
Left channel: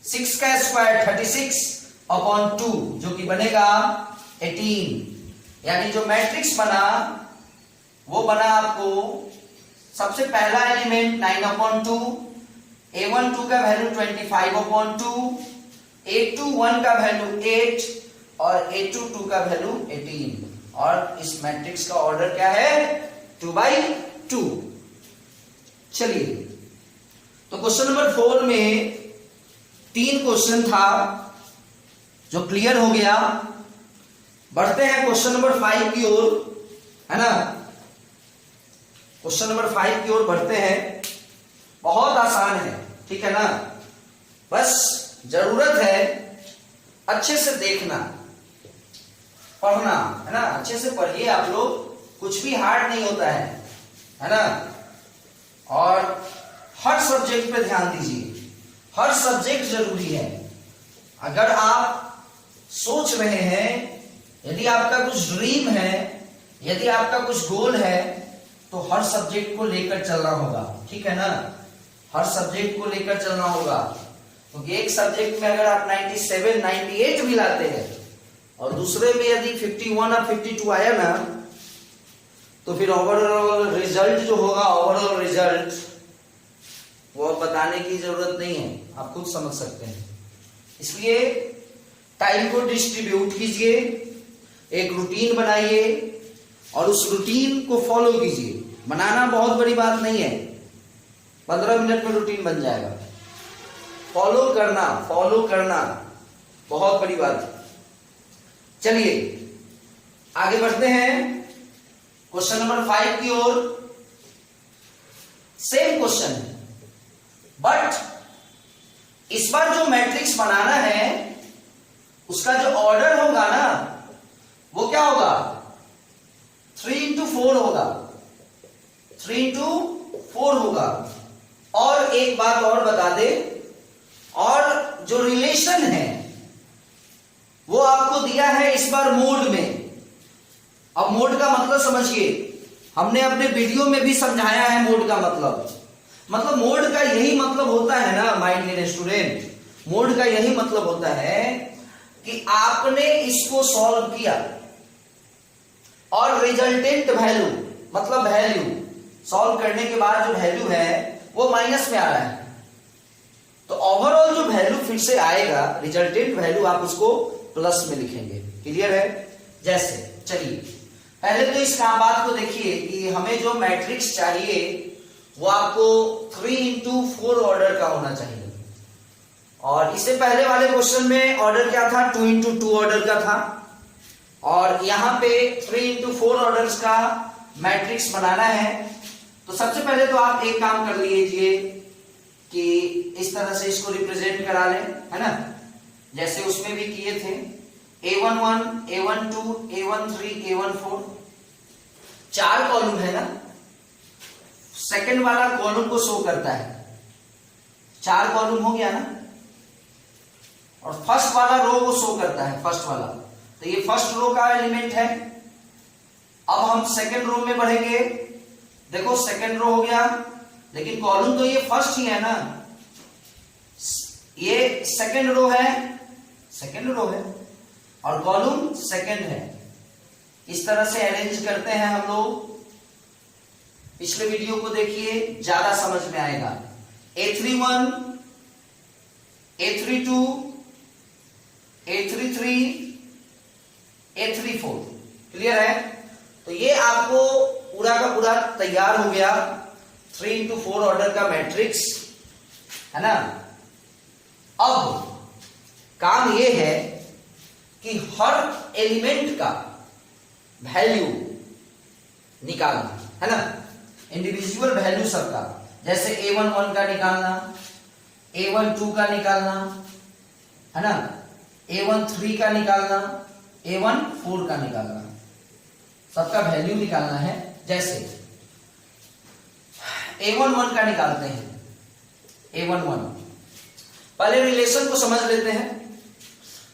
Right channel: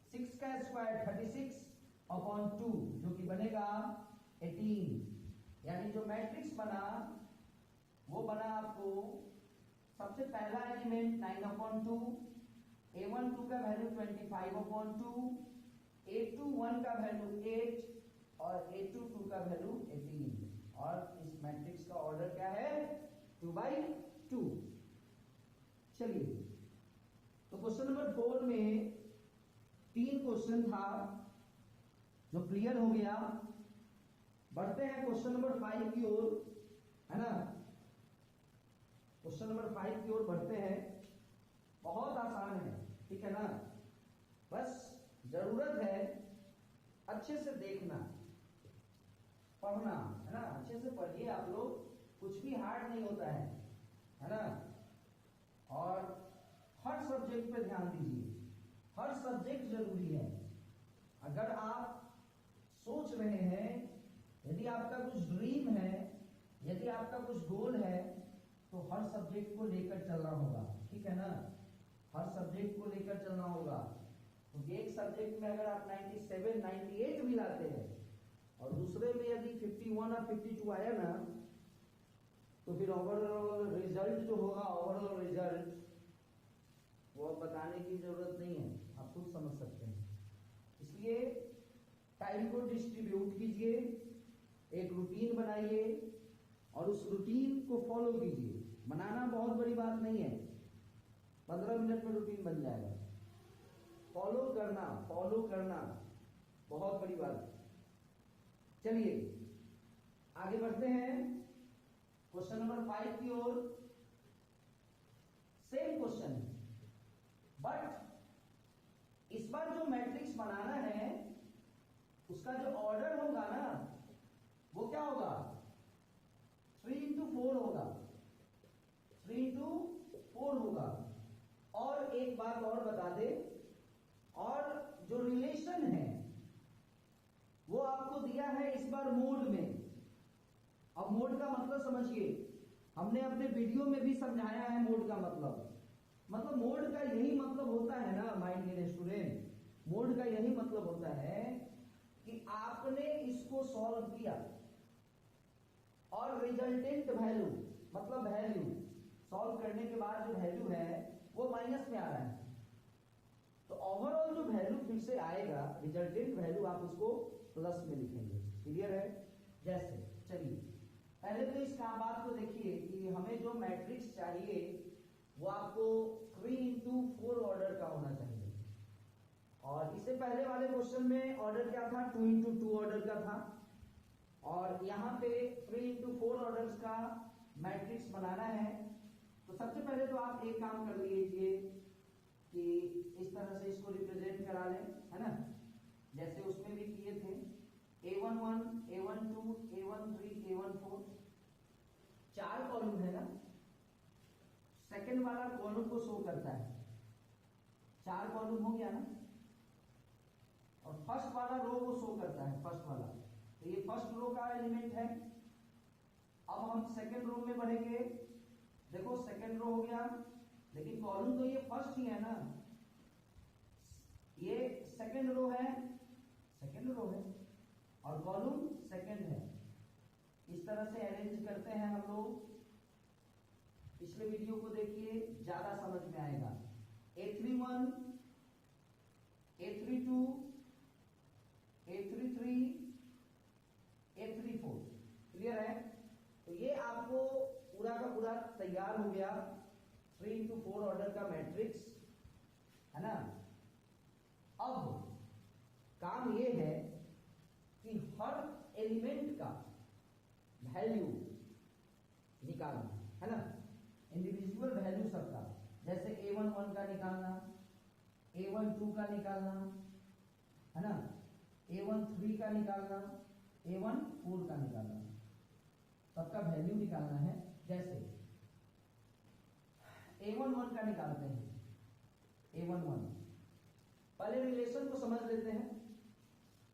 6 का स्क्वायर 36/2 जो कि बनेगा 18। यानी जो मैट्रिक्स बना वो बना आपको सबसे पहला एलिमेंट 9/2, A12 का वैल्यू 25/2, A21 का वैल्यू 8 और A22 का वैल्यू 18, और इस मैट्रिक्स का ऑर्डर क्या है 2/2। चलिए, तो क्वेश्चन नंबर 4 में 3 क्वेश्चन था जो क्लियर हो गया। बढ़ते हैं क्वेश्चन नंबर 5 की ओर, है ना। क्वेश्चन नंबर 5 की ओर बढ़ते हैं। बहुत आसान है, ठीक है ना, बस जरूरत है अच्छे से देखना, पढ़ना, है ना। अच्छे से पढ़िए आप लोग, कुछ भी हार्ड नहीं होता है ना। और हर सब्जेक्ट पे ध्यान दीजिए, हर सब्जेक्ट जरूरी है। अगर आप सोच रहे हैं, यदि आपका कुछ ड्रीम है, यदि आपका कुछ गोल है, तो हर सब्जेक्ट को लेकर चलना होगा, ठीक है ना। हर सब्जेक्ट को लेकर चलना होगा, क्योंकि एक सब्जेक्ट में अगर आप 97, 98 भी लाते हैं और दूसरे में यदि 51 और 52 आया ना, तो फिर ओवरऑल रिजल्ट जो होगा, ओवरऑल रिजल्ट वो बताने की जरूरत नहीं है, आप खुद समझ सकते हैं। इसलिए टाइम को डिस्ट्रीब्यूट कीजिए, एक रूटीन बनाइए और उस रूटीन को फॉलो कीजिए। बनाना बहुत बड़ी बात नहीं है, 15 मिनट में रूटीन बन जाएगा। फॉलो करना बहुत बड़ी बात है। चलिए आगे बढ़ते हैं क्वेश्चन नंबर 5 की ओर। सेम क्वेश्चन है, बट इस बार जो मैट्रिक्स बनाना है उसका जो ऑर्डर होगा ना, वो क्या होगा 3x4 होगा, 3x4 होगा। और एक बात और बता दे, और जो रिलेशन है वो आपको दिया है इस बार मोड में। अब मोड का मतलब समझिए, हमने अपने वीडियो में भी समझाया है मोड का मतलब मोड का यही मतलब होता है ना माय डियर स्टूडेंट, मोड का यही मतलब होता है कि आपने इसको सॉल्व किया और रिजल्टेंट वैल्यू, मतलब वैल्यू सॉल्व करने के बाद जो वैल्यू है वो माइनस में आ रहा है, तो ओवरऑल जो वैल्यू फिर से आएगा, रिजल्टेंट वैल्यू, आप उसको प्लस में लिखेंगे। क्लियर है? जैसे चलिए पहले तो इस बात को देखिए कि हमें जो मैट्रिक्स चाहिए वो आपको 3x4 ऑर्डर का होना चाहिए, और इससे पहले वाले क्वेश्चन में ऑर्डर क्या था 2x2 ऑर्डर का था, और यहां पे 3x4 ऑर्डर्स का मैट्रिक्स बनाना है। तो सबसे पहले तो आप एक काम कर लीजिए कि इस तरह से इसको रिप्रेजेंट करा लें, है ना, जैसे उसमें भी किए थे। A11, A12, A13, A14, 4 column है ना, सेकंड वाला कॉलम को शो करता है, 4 कॉलम हो गया ना, और फर्स्ट वाला रो को शो करता है, फर्स्ट वाला, तो ये फर्स्ट रो का एलिमेंट है। अब हम सेकंड रो में बढ़ेंगे, देखो सेकंड रो हो गया, लेकिन कॉलम तो ये फर्स्ट ही है ना, ये सेकंड रो है, और कॉलम सेकंड है। इस तरह से अरेंज करते हैं हम लोग। पिछले वीडियो को देखिए, ज्यादा समझ में आएगा। A31, A32, A33, A34, clear है? तो ये आपको पूरा का पूरा तैयार हो गया 3x4 ऑर्डर का मैट्रिक्स, है ना। अब काम ये है कि हर एलिमेंट का वैल्यू निकालना, है ना, इंडिविजुअल वैल्यू सबका, जैसे A11 का निकालना, A12 का निकालना, है ना, A13 का निकालना, A14 का निकालना, सबका वैल्यू निकालना है। जैसे A11 का निकालते हैं, A11 पहले रिलेशन को समझ लेते हैं।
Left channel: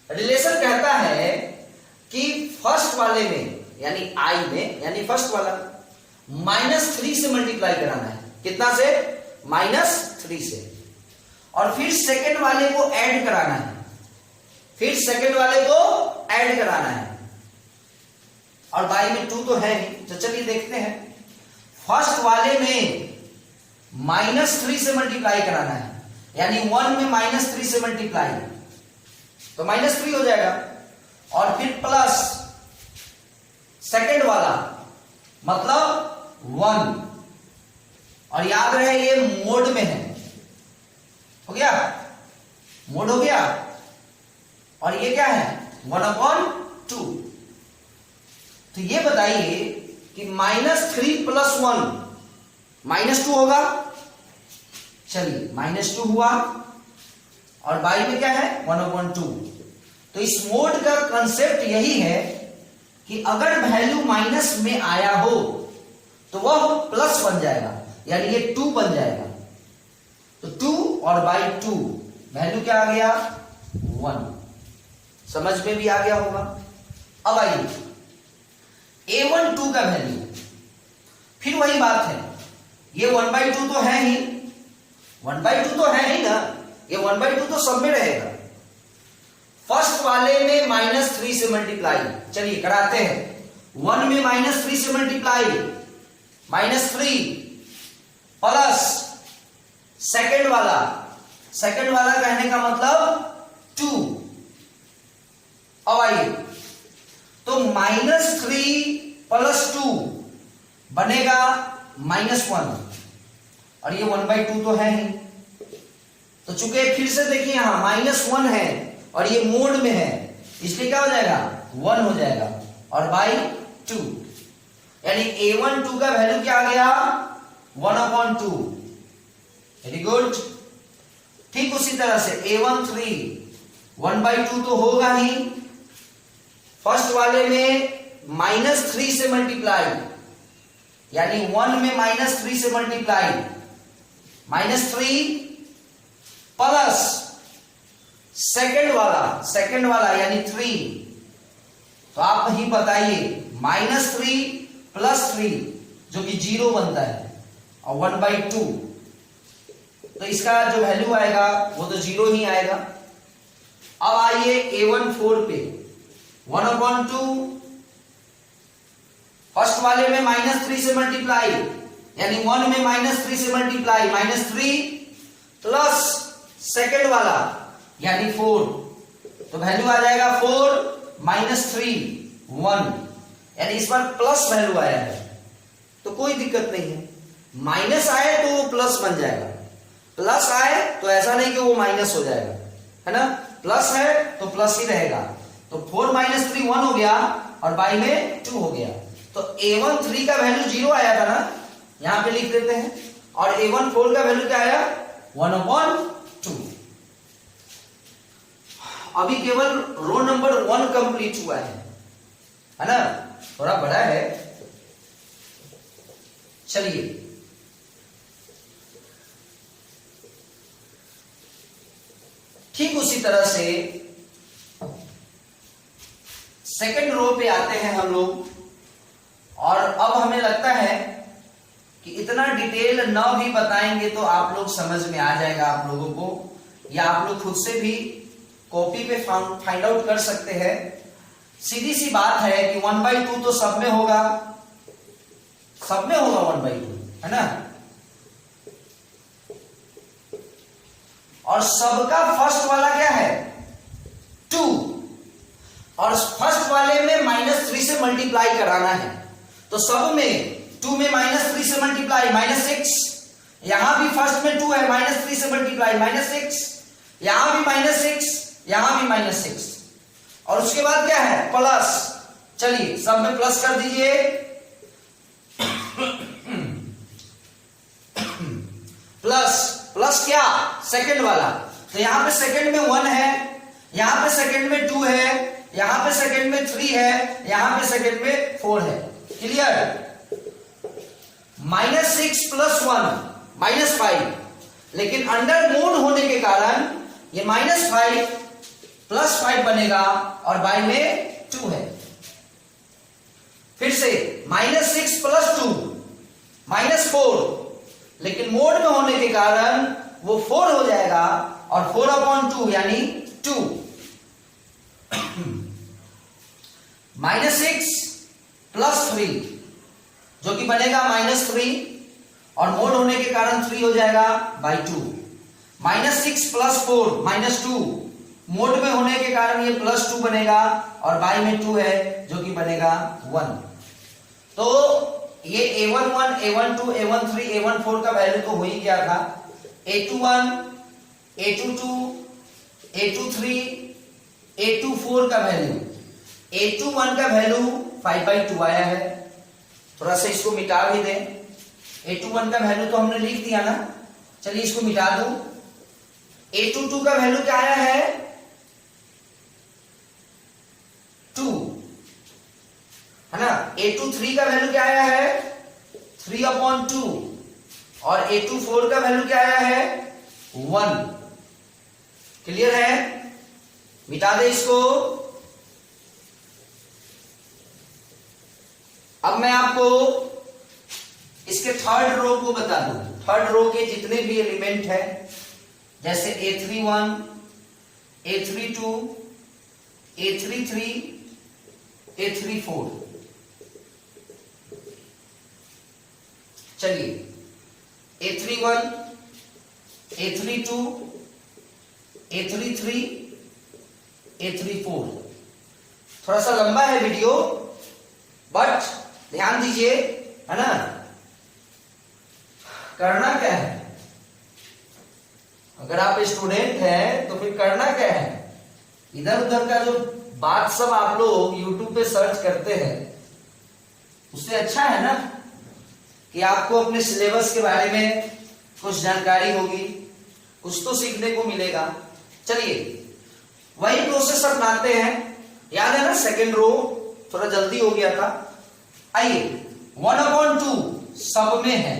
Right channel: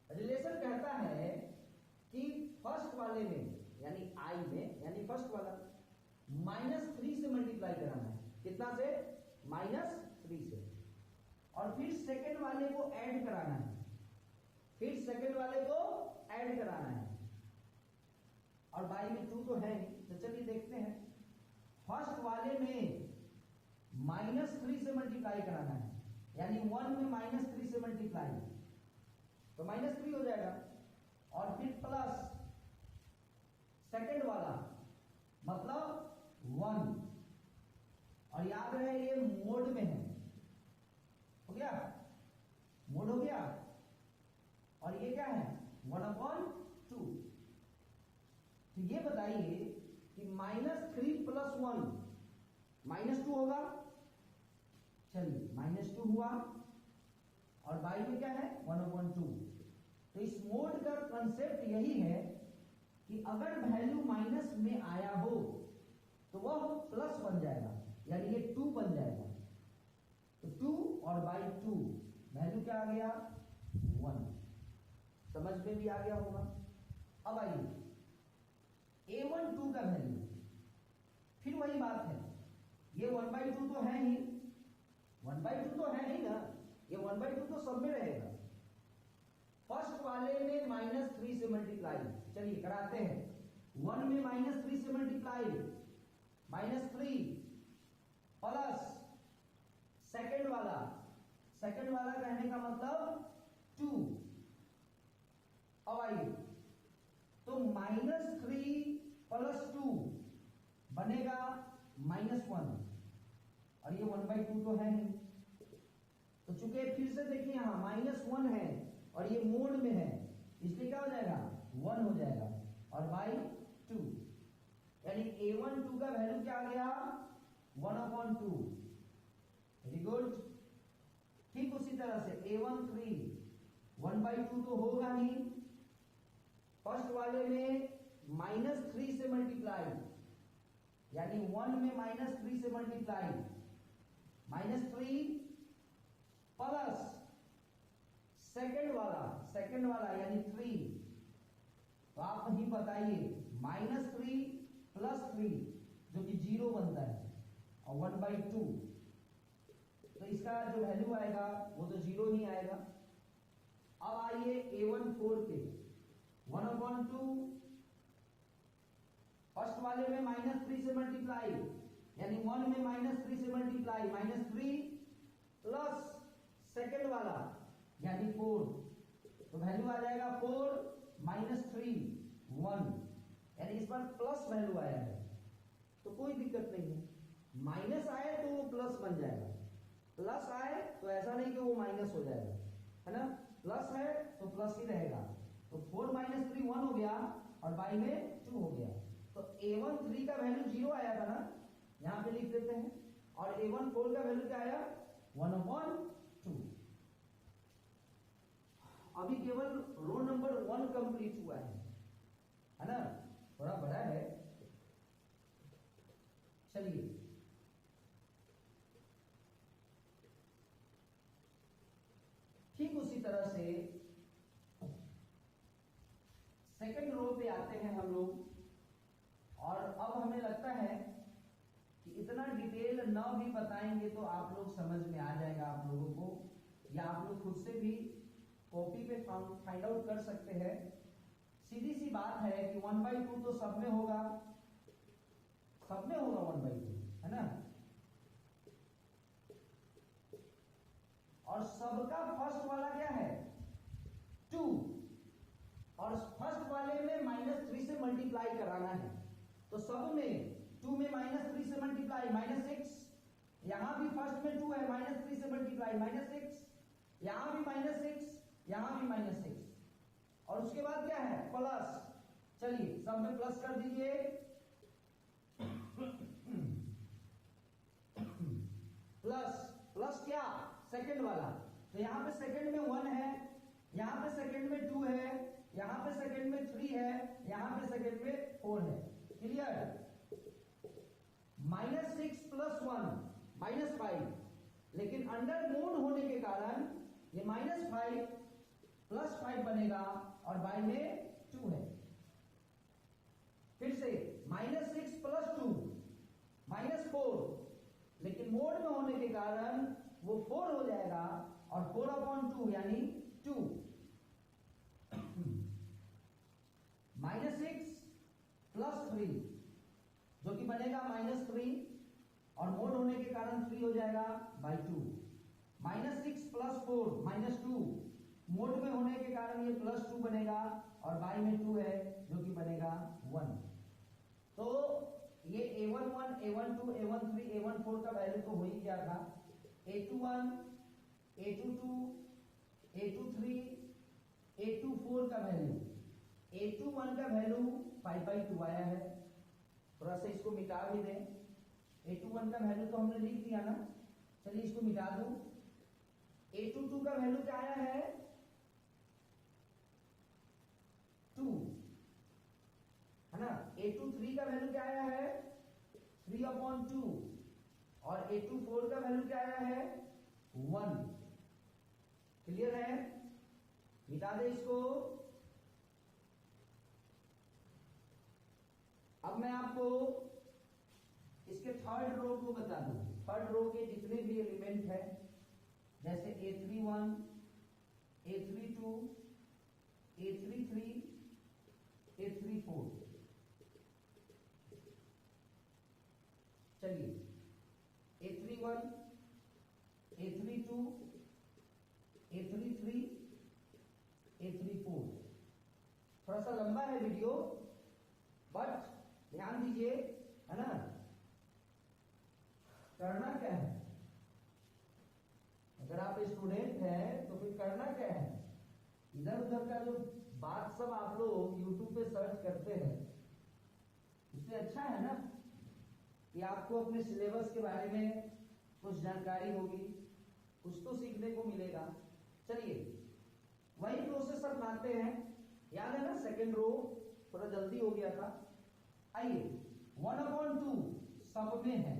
रिलेशन कहता है कि फर्स्ट वाले में यानी आई में, यानी फर्स्ट वाला -3 से मल्टीप्लाई कराना है। कितना से? -3 से। और फिर सेकंड वाले को ऐड कराना है, फिर सेकंड वाले को ऐड कराना है। और बाई में 2 तो है नहीं, तो चलिए देखते हैं। फर्स्ट वाले में -3 से मल्टीप्लाई कराना है, यानी 1 में -3 से मल्टीप्लाई तो -3 हो जाएगा। और फिर प्लस सेकंड वाला मतलब 1। और याद रहे ये मोड में है, हो गया, मोड हो गया। और ये क्या है? 1/2। तो ये बताइए कि -3 + 1 -2 होगा। चलिए -2 हुआ। और बाई में क्या है? 1/2। तो इस मोड का कंसेप्ट यही है कि अगर वैल्यू माइनस में आया हो तो वह प्लस बन जाएगा, यानी ये 2 बन जाएगा। तो 2 और बाई 2 वैल्यू क्या आ गया? 1। समझ में भी आ गया होगा। अब आइए A12 का वैल्यू, फिर वही बात है, ये 1/2 तो है ही, 1/2 तो है ही ना, ये 1/2 तो सब में रहेगा। फर्स्ट वाले में -3 से मल्टीप्लाई, चलिए कराते हैं। 1 में -3 से मल्टीप्लाई, -3 प्लस सेकंड वाला, सेकंड वाला कहने का मतलब 2। अब आइए, तो -3 + 2 बनेगा -1। और ये 1/2 तो है ही, तो चूंकि फिर से देखिए यहां -1 है और ये मोड में है, इसलिए क्या हो जाएगा? 1 हो जाएगा। और बाई 2, यानी A12 का वैल्यू क्या आ गया? 1/2। Very good. ठीक उसी तरह से A13 1/2 तो होगा ही। फर्स्ट वाले में -3 से मल्टीप्लाई, यानी 1 में -3 से मल्टीप्लाई, -3 प्लस सेकंड वाला यानी 3। तो आप ही बताइए, -3 + 3 जो कि 0 बनता है, और 1/2, तो इसका जो वैल्यू आएगा वो तो 0 ही आएगा। अब आइए A14 पे, 1/2 फर्स्ट वाले में -3 से मल्टीप्लाई, यानी 1 में -3 से मल्टीप्लाई, -3 प्लस सेकंड वाला यानी 4, तो वैल्यू आ जाएगा 4 -3 1, यानी इस बार प्लस वैल्यू आया है, तो कोई दिक्कत नहीं है। माइनस आए तो वो प्लस बन जाएगा, प्लस आए तो ऐसा नहीं कि वो माइनस हो जाएगा, है ना। प्लस है तो प्लस ही रहेगा। तो 4 - 3 1 हो गया, और बाई में 2 हो गया। तो A13 का वैल्यू 0 आया था ना, यहां पे लिख देते हैं। और A14 का वैल्यू क्या आया? 1/2। अभी केवल रो नंबर 1 कंप्लीट हुआ है ना, थोड़ा बड़ा है। चलिए ठीक उसी तरह से सेकंड रो पे आते हैं हम लोग। और अब हमें लगता है कि इतना डिटेल न भी बताएंगे तो आप लोग समझ में आ जाएगा आप लोगों को, या आप लोग खुद से भी कॉपी पे फाइंड आउट कर सकते हैं। सीधी सी बात है कि 1/2 तो सब में होगा, सब में होगा 1/2, है ना। और सबका फर्स्ट वाला क्या है? 2, और फर्स्ट वाले में -3 से मल्टीप्लाई कराना है, तो सब में 2 में -3 से मल्टीप्लाई -6, यहां भी फर्स्ट में 2 है, -3 से मल्टीप्लाई -6, यहां भी -6, यहां भी -6, और उसके बाद क्या है? प्लस। चलिए सब में प्लस कर दीजिए। प्लस क्या? सेकंड वाला, तो यहां पे सेकंड में 1 है, यहां पे सेकंड में 2 है, यहां पे सेकंड में 3 है, यहां पे सेकंड में 4 है। क्लियर? -6 + 1 -5, लेकिन अंडर मोड होने के कारण ये -5 +5 बनेगा और बाई में 2 है। फिर से -6 + 2 -4, लेकिन मोड में होने के कारण वो 4 हो जाएगा और 4/2 यानी 2। -6 + 3 जो कि बनेगा -3 और मोड होने के कारण 3 हो जाएगा /2। -6 + 4 -2 मोड में होने के कारण ये +2 बनेगा और बाई में 2 है जो कि बनेगा 1। तो ये A11, A12, A13, A14 का वैल्यू तो हो ही गया था। A21, A22, A23, A24 का वैल्यू, A21 का वैल्यू 5/2 आया है। थोड़ा सा इसको मिटा भी दें। A21 का वैल्यू तो हमने लिख दिया ना, चलिए इसको मिटा दूं। A22 का वैल्यू क्या आया है? 2 है ना। A23 का वैल्यू क्या आया है? 3/2 और A24 का वैल्यू क्या आया है? 1। क्लियर है? मिटा दे इसको। अब मैं आपको इसके थर्ड रो को बता दूं। थर्ड रो के जितने भी एलिमेंट है, जैसे A31, A32, A33, A34। चलिए A31, A32, A33, A34। थोड़ा सा लंबा है वीडियो, बट ध्यान दीजिए, है ना। करना क्या है? अगर आप स्टूडेंट हैं तो फिर करना क्या है? इधर उधर का जो बात सब आप लोग YouTube पे सर्च करते हैं, उससे अच्छा है ना कि आपको अपने सिलेबस के बारे में कुछ जानकारी होगी, कुछ तो सीखने को मिलेगा। चलिए वही प्रोसेस अपनाते हैं। याद है ना, सेकेंड रो थोड़ा जल्दी हो गया था। आइए 1/2 सब में है,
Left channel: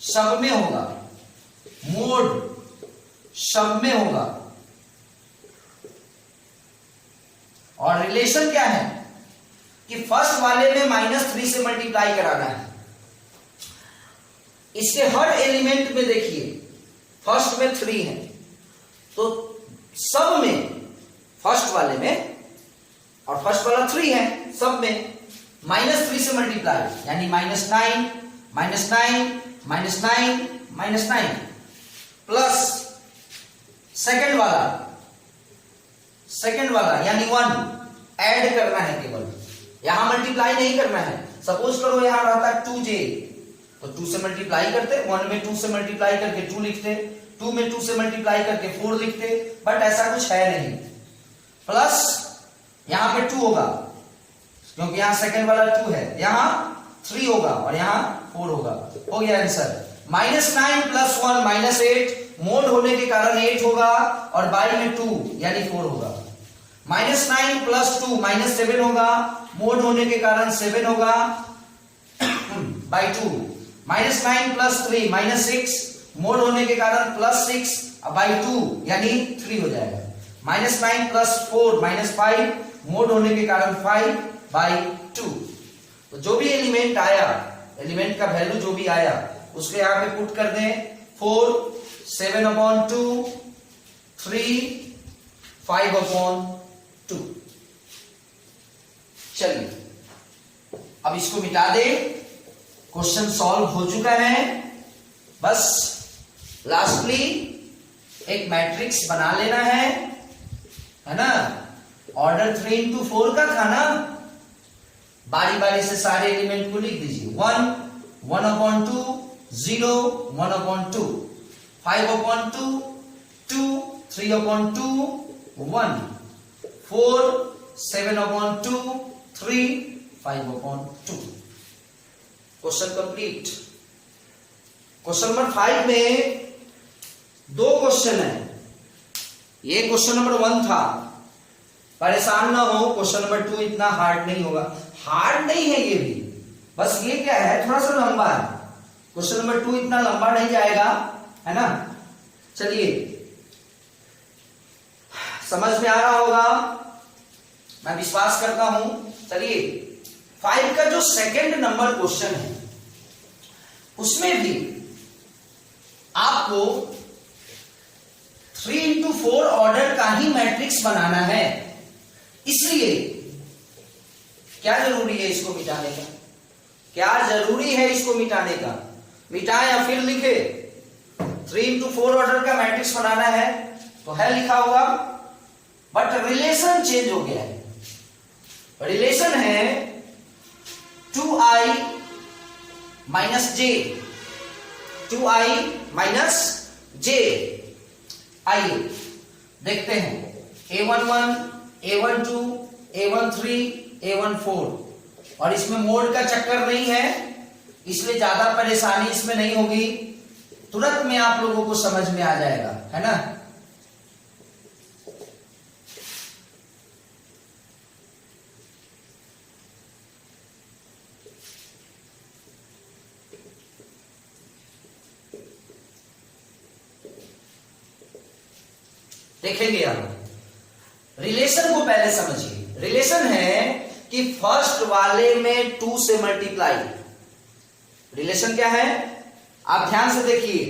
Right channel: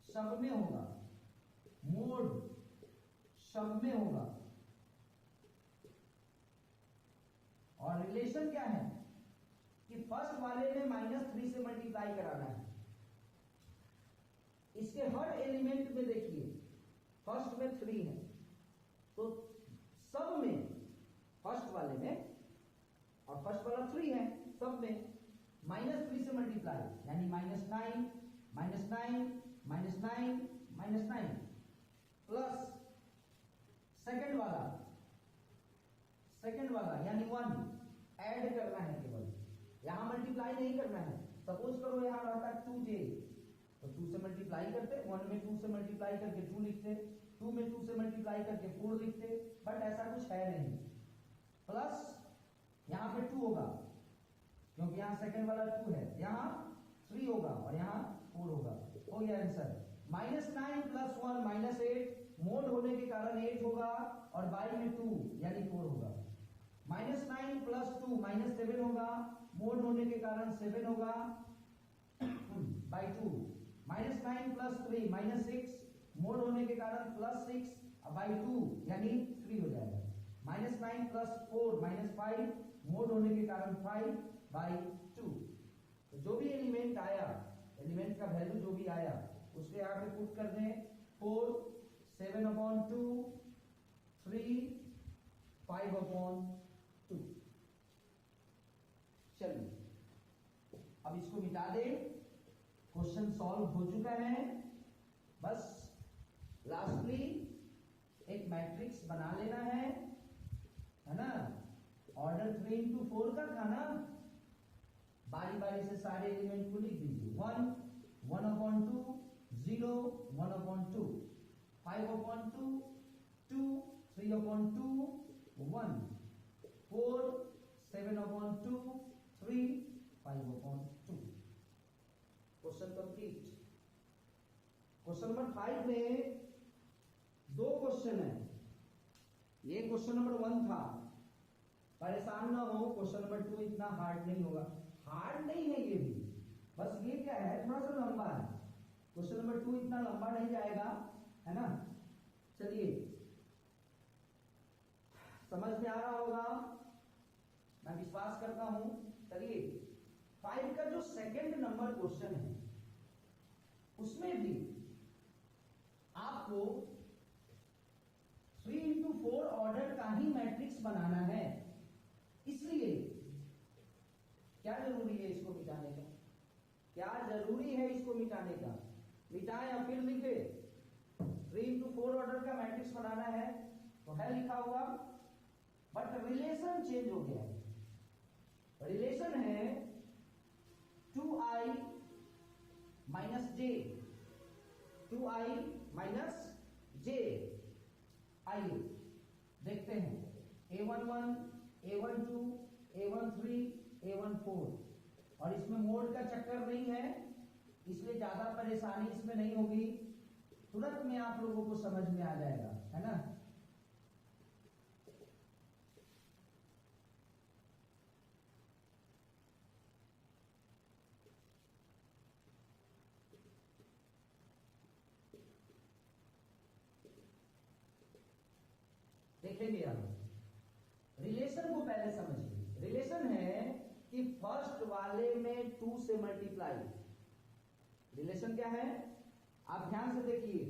सब में होगा, मोड सब में होगा, और रिलेशन क्या है कि फर्स्ट वाले में -3 से मल्टीप्लाई कराना है। इसके हर एलिमेंट में देखिए, फर्स्ट में 3 है तो सब में फर्स्ट वाले में, और फर्स्ट वाला 3 है, सब में -3 से मल्टीप्लाई, यानी -9, -9, -9 प्लस सेकंड वाला यानी 1 ऐड करना है केवल, यहां मल्टीप्लाई नहीं करना है। सपोज करो यहां रहता है 2j, तो 2 से मल्टीप्लाई करते, 1 में 2 से मल्टीप्लाई करके 2 लिखते, 2 में 2 से मल्टीप्लाई करके 4 लिखते, बट ऐसा कुछ है नहीं। प्लस यहां पे 2 होगा क्योंकि यहां सेकंड वाला 2 है, यहां 3 होगा और यहां 4 होगा। हो गया आंसर। -9 + 1 -8, मोड होने के कारण 8 होगा और बाई में 2 यानी 4 होगा। -9 + 2 -7 होगा, मोड होने के कारण 7 होगा बाई 2। -9 + 3 -6, मोड होने के कारण +6 बाई 2 यानी 3 हो जाएगा। -9 + 4 -5, मोड होने के कारण 5 बाई 2। तो जो भी एलिमेंट आया, एलिमेंट का वैल्यू जो भी आया उसके यहां पे पुट कर दें। 4, 7/2, 3, 5/2। चलिए अब इसको मिटा दे। क्वेश्चन सॉल्व हो चुका है। बस लास्टली एक मैट्रिक्स बना लेना है ना। ऑर्डर 3/4 का था ना, बारी बारी से सारे एलिमेंट को लिख दीजिए। 1, 1/2, 0, 1/2, 5/2, 2, 3/2, 1, 4, 7/2, 3, 5/2। Question complete. क्वेश्चन नंबर 5 में 2 क्वेश्चन है। ये क्वेश्चन नंबर 1 था, परेशान ना हो, क्वेश्चन नंबर 2 इतना हार्ड नहीं होगा। हार्ड नहीं है ये भी, बस ये क्या है, थोड़ा सा लंबा है। क्वेश्चन नंबर 2 इतना लंबा नहीं जाएगा, है ना। चलिए समझ में आ रहा होगा, मैं विश्वास करता हूं। चलिए 5 का जो सेकंड नंबर क्वेश्चन है उसमें भी आपको 3x4 ऑर्डर का ही मैट्रिक्स बनाना है। इसलिए क्या जरूरी है इसको मिटाने का? क्या जरूरी है इसको मिटाने का? मिटाएं या फिर लिखे? 3x4 ऑर्डर का मैट्रिक्स बनाना है तो है लिखा होगा, बट रिलेशन चेंज हो गया है। रिलेशन है 2i minus j, 2i minus j। आइए देखते हैं a11, a12, a13, a14, और इसमें मोड का चक्कर नहीं है इसलिए ज्यादा परेशानी इसमें नहीं होगी, तुरंत में आप लोगों को समझ में आ जाएगा, है ना। देखेंगे आप रिलेशन को पहले समझिए। रिलेशन है कि फर्स्ट वाले में 2 से मल्टीप्लाई। रिलेशन क्या है आप ध्यान से देखिए,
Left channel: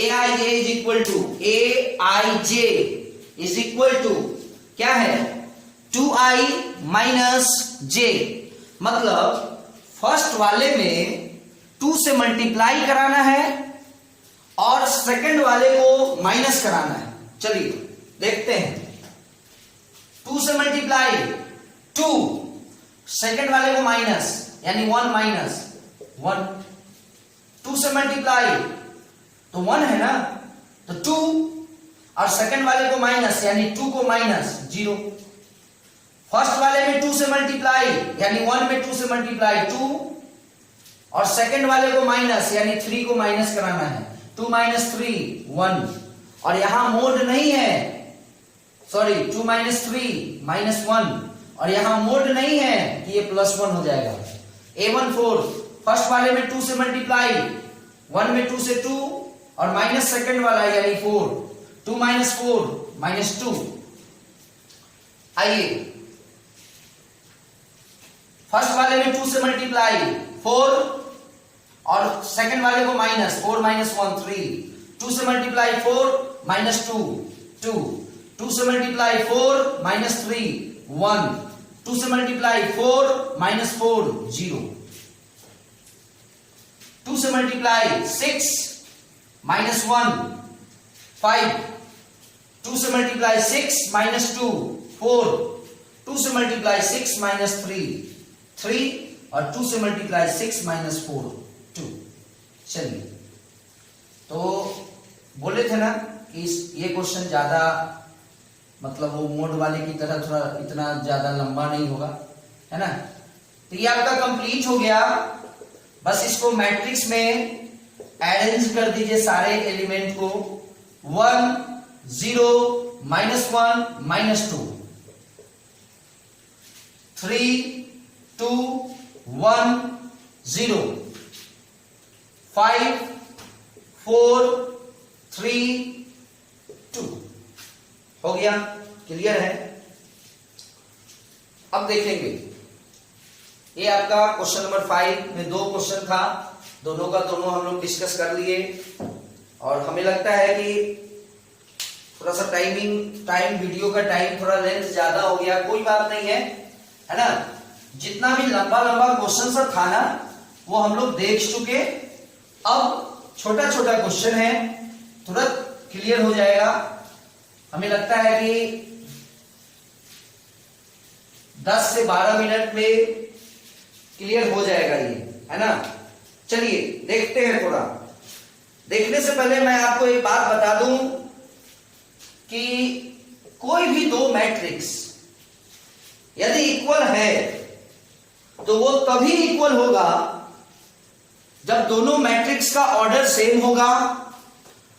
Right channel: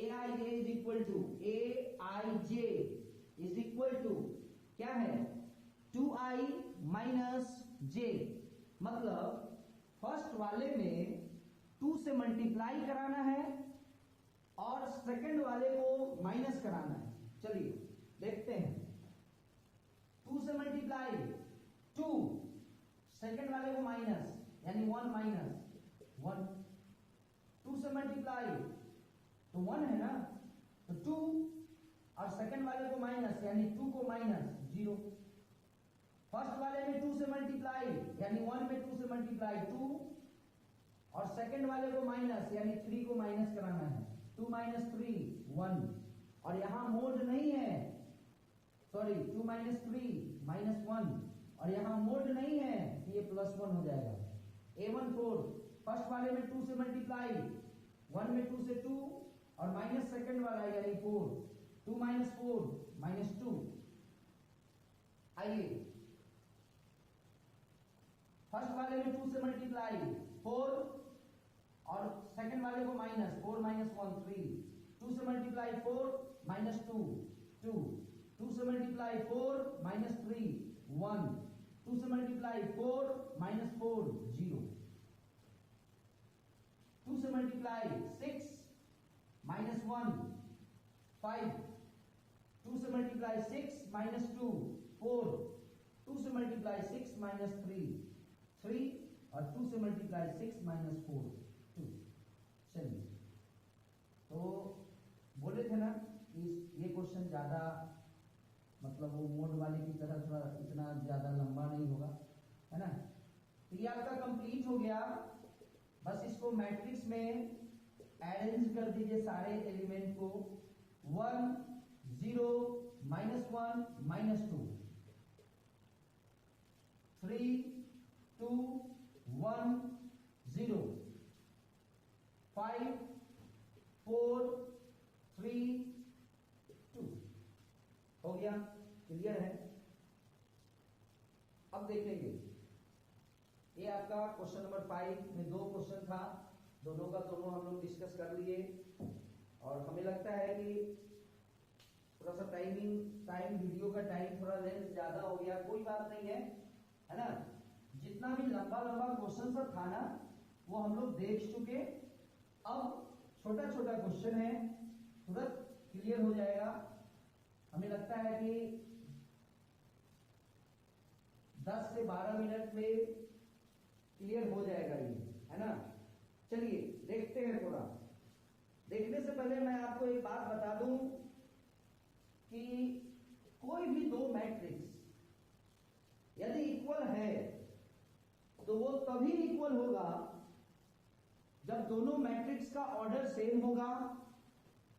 aij is equal to aij is equal to क्या है 2i माइनस j। मतलब फर्स्ट वाले में 2 से मल्टीप्लाई कराना है और सेकंड वाले को माइनस कराना है। चलिए देखते हैं, 2 से मल्टीप्लाई 2, सेकंड वाले को माइनस यानी 1 माइनस 1, 2 से मल्टीप्लाई तो 1 है ना, तो 2 और सेकंड वाले को माइनस यानी 2 को माइनस 0। फर्स्ट वाले में 2 से मल्टीप्लाई यानी 1 में 2 से मल्टीप्लाई 2 और सेकंड वाले को माइनस यानी 3 को माइनस कराना है, 2 माइनस 3 1, और यहां मोड नहीं है, सॉरी 2 माइनस 3 माइनस 1, और यहां मोड नहीं है कि ये +1 हो जाएगा। a14 फर्स्ट वाले में 2 से मल्टीप्लाई 1 में 2 से 2 और माइनस सेकंड वाला यानी 4, 2 माइनस 4 माइनस 2। आइए फर्स्ट वाले में 2 से मल्टीप्लाई 4 और सेकंड वाले को माइनस 4 माइनस 1 3, 2 से मल्टीप्लाई 4 माइनस 2 2, 2 से मल्टीप्लाई 4 माइनस 3 1, 2 से मल्टीप्लाई 4 माइनस 4 0, 2 से मल्टीप्लाई 6 माइनस 1 5, 2 से मल्टीप्लाई 6 माइनस 2 4, 2 से मल्टीप्लाई 6 माइनस 3 3, और 2 से मल्टीप्लाई 6 माइनस 4 2। चलिए तो बोले थे ना कि ये क्वेश्चन ज्यादा मतलब वो मोड वाले की तरह थोड़ा इतना ज्यादा लंबा नहीं होगा, है ना। तो ये आपका कंप्लीट हो गया, बस इसको मैट्रिक्स में अरेंज कर दीजिए सारे एलिमेंट को, 1 0 -1 -2 3 2 1 0 5 4 3 2 हो गया। क्लियर है? अब देखेंगे ये आपका क्वेश्चन नंबर 5 में 2 क्वेश्चन था, दोनों का दोनों हम लोग डिस्कस कर लिए, और हमें लगता है कि थोड़ा सा टाइम वीडियो का टाइम थोड़ा लेंथ ज्यादा हो गया, कोई बात नहीं है ना। जितना भी लंबा क्वेश्चन सब था ना वो हम लोग देख चुके, अब छोटा छोटा क्वेश्चन है, तुरंत क्लियर हो जाएगा। हमें लगता है कि 10 से 12 मिनट में क्लियर हो जाएगा ये, है ना। चलिए देखते हैं। थोड़ा देखने से पहले मैं आपको एक बात बता दूं कि कोई भी 2 मैट्रिक्स यदि इक्वल है तो वो तभी इक्वल होगा जब दोनों मैट्रिक्स का ऑर्डर सेम होगा।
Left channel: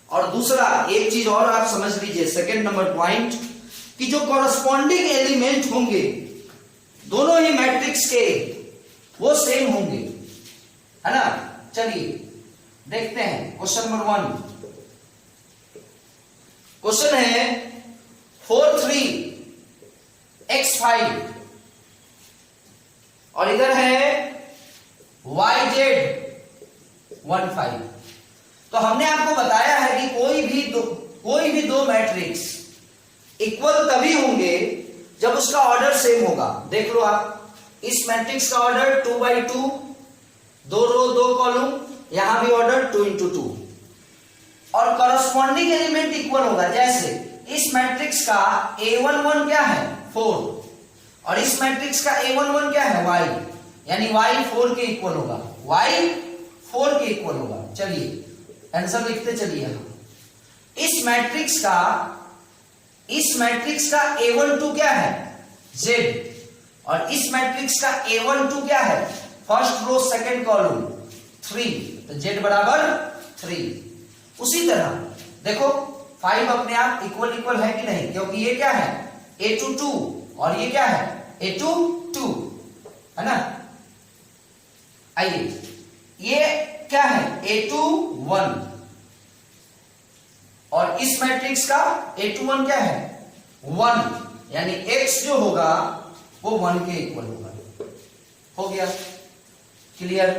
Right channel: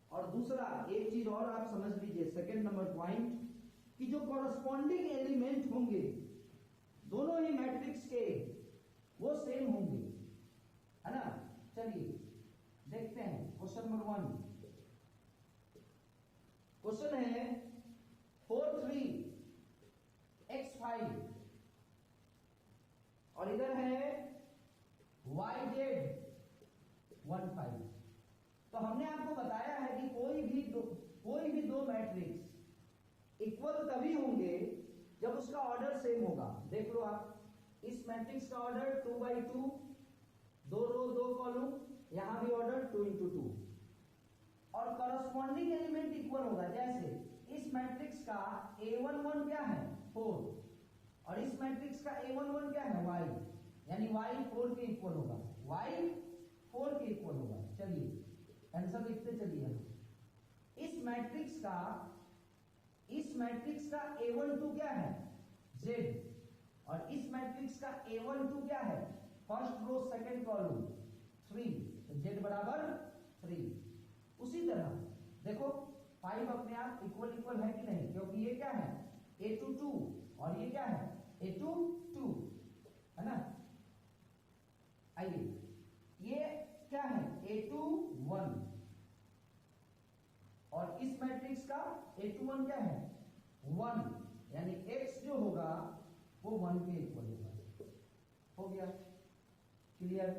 और दूसरा एक चीज और आप समझ लीजिए, सेकंड नंबर पॉइंट, कि जो कॉरस्पॉन्डिंग एलिमेंट होंगे दोनों ही मैट्रिक्स के वो सेम होंगे, है ना। चलिए देखते हैं क्वेश्चन नंबर 1। क्वेश्चन है 4 3 x5 और इधर है yz 1 5। तो हमने आपको बताया है कि कोई भी दो मैट्रिक्स इक्वल तभी होंगे जब उसका ऑर्डर सेम होगा। देख लो आप, इस मैट्रिक्स का ऑर्डर 2 by 2, 2 रो 2 कॉलम, यहां भी ऑर्डर 2 into 2 और करस्पॉन्डिंग एलिमेंट इक्वल होगा। जैसे इस मैट्रिक्स का a11 क्या है 4 और इस मैट्रिक्स का a11 क्या है y, यानी y 4 के इक्वल होगा, y 4 के इक्वल होगा। चलिए आंसर लिखते चलिए हम। इस मैट्रिक्स का a12 क्या है z और इस मैट्रिक्स का a12 क्या है फर्स्ट रो सेकंड कॉलम 3, तो z बराबर 3। उसी तरह देखो 5 अपने आप इक्वल इक्वल है कि नहीं, क्योंकि ये क्या है a22 और ये क्या है a22 है ना। आइए ये क्या है a21 और इस मैट्रिक्स का a21 क्या है 1, यानी x जो होगा वो 1 के इक्वल होगा। हो गया क्लियर।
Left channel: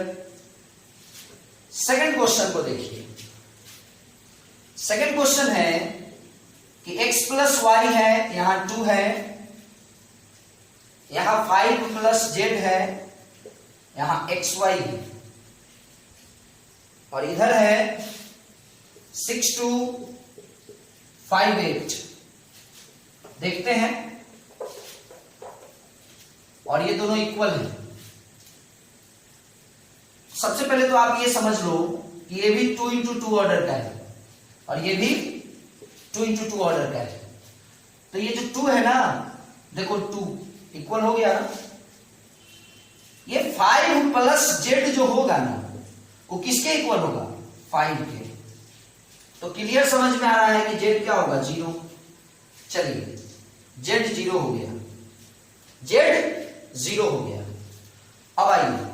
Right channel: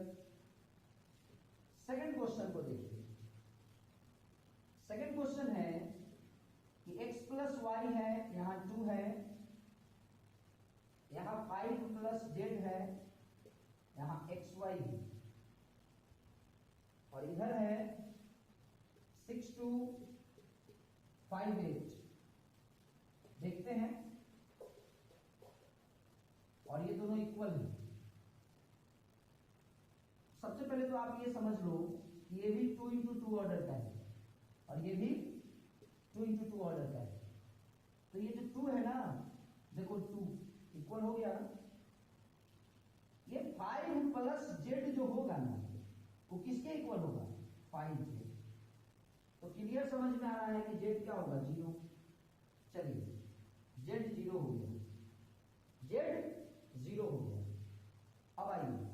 सेकंड क्वेश्चन को देखिए। सेकंड क्वेश्चन है कि x प्लस वाई है, यहां 2 है, यहां 5 प्लस जेड है, यहां एक्स वाई है और इधर है 6 2 5 8। देखते हैं और ये दोनों इक्वल है। सबसे पहले तो आप ये समझ लो कि ये भी 2 into 2 ऑर्डर का है और ये भी 2 into 2 ऑर्डर का है। तो ये जो 2 है ना, देखो 2 इक्वल हो गया ना। ये 5 प्लस जेड जो होगा ना वो किसके इक्वल होगा 5 के। तो क्लियर समझ में आ रहा है कि जेड क्या होगा 0। चलिए जेड 0 हो गया, जेड 0 हो गया। अब आइए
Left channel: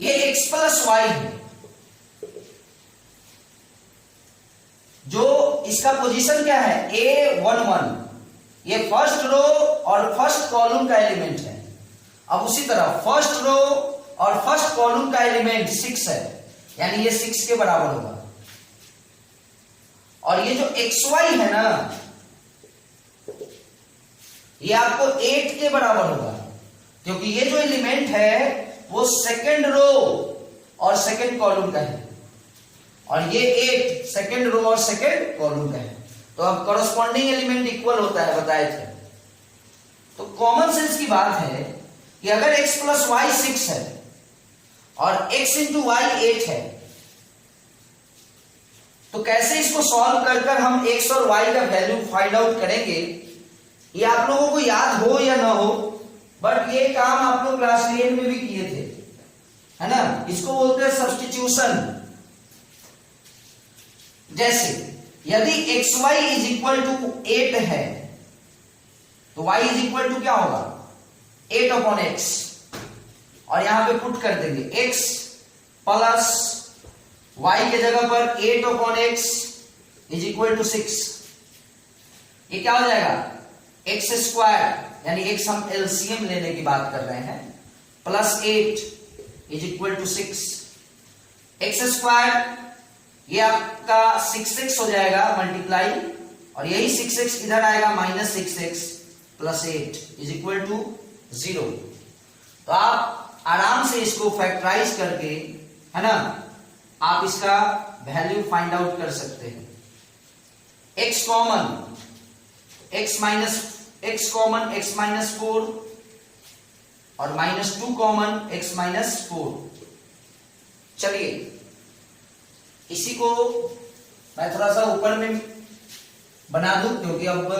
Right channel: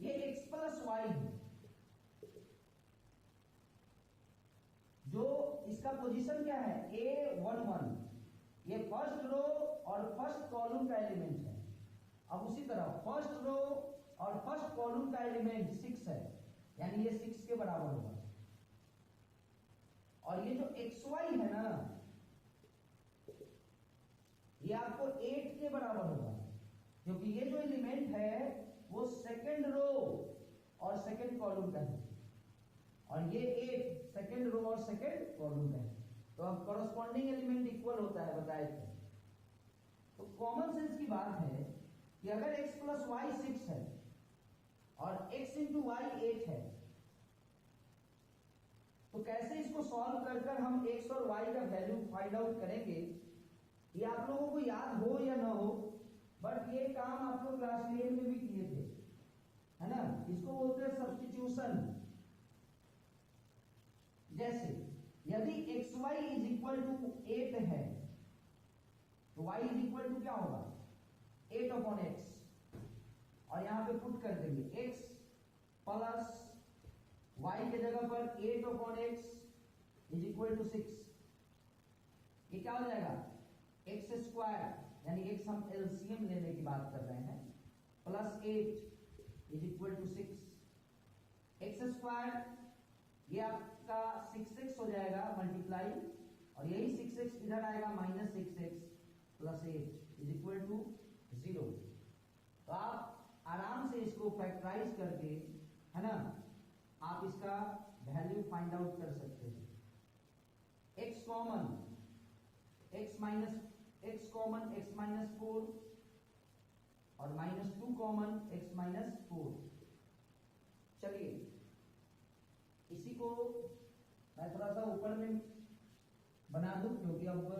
ये x प्लस वाई है, जो इसका पोजीशन क्या है a11, ये फर्स्ट रो और फर्स्ट कॉलम का एलिमेंट है। अब उसी तरह फर्स्ट रो और फर्स्ट कॉलम का एलिमेंट 6 है, यानी ये 6 के बराबर होगा। और ये जो xy है ना ये आपको 8 के बराबर होगा, क्योंकि ये जो एलिमेंट है वो सेकंड रो और सेकंड कॉलम का है और ये 8 सेकंड रो और सेकंड कॉलम का है। तो अब कॉरस्पॉन्डिंग एलिमेंट इक्वल होता है, बताए थे। तो कॉमन सेंस की बात है कि अगर x प्लस वाई 6 है और x इंटू वाई 8 है, तो कैसे इसको सॉल्व कर कर हम x और y का वैल्यू फाइंड आउट करेंगे, ये आप लोगों को याद हो या ना हो, बट ये काम आप लोग क्लास 10 में भी किए थे, है ना। इसको बोलते हैं सब्स्टिट्यूशन। जैसे यदि xy इज इक्वल टू 8 है तो y इज इक्वल टू क्या होगा 8 अपॉन x, और यहां पे पुट कर देंगे x प्लस y के जगह पर 8 upon x is equal to 6। ये क्या हो जाएगा x स्क्वायर, यानी x हम एलसीएम लेने की बात कर रहे हैं, plus 8 is equal to 6। x square ये आपका 6x हो जाएगा मल्टीप्लाई, और यही 6x इधर आएगा minus 6x plus 8 is equal to 0। तो आप आराम से इसको फैक्टराइज करके, है ना, आप इसका वैल्यू फाइंड आउट कर सकते हैं। x common x common x minus 4 और -2 कॉमन x माइनस 4। चलिए इसी को मैं थोड़ा सा ऊपर में बना दूं, क्योंकि अब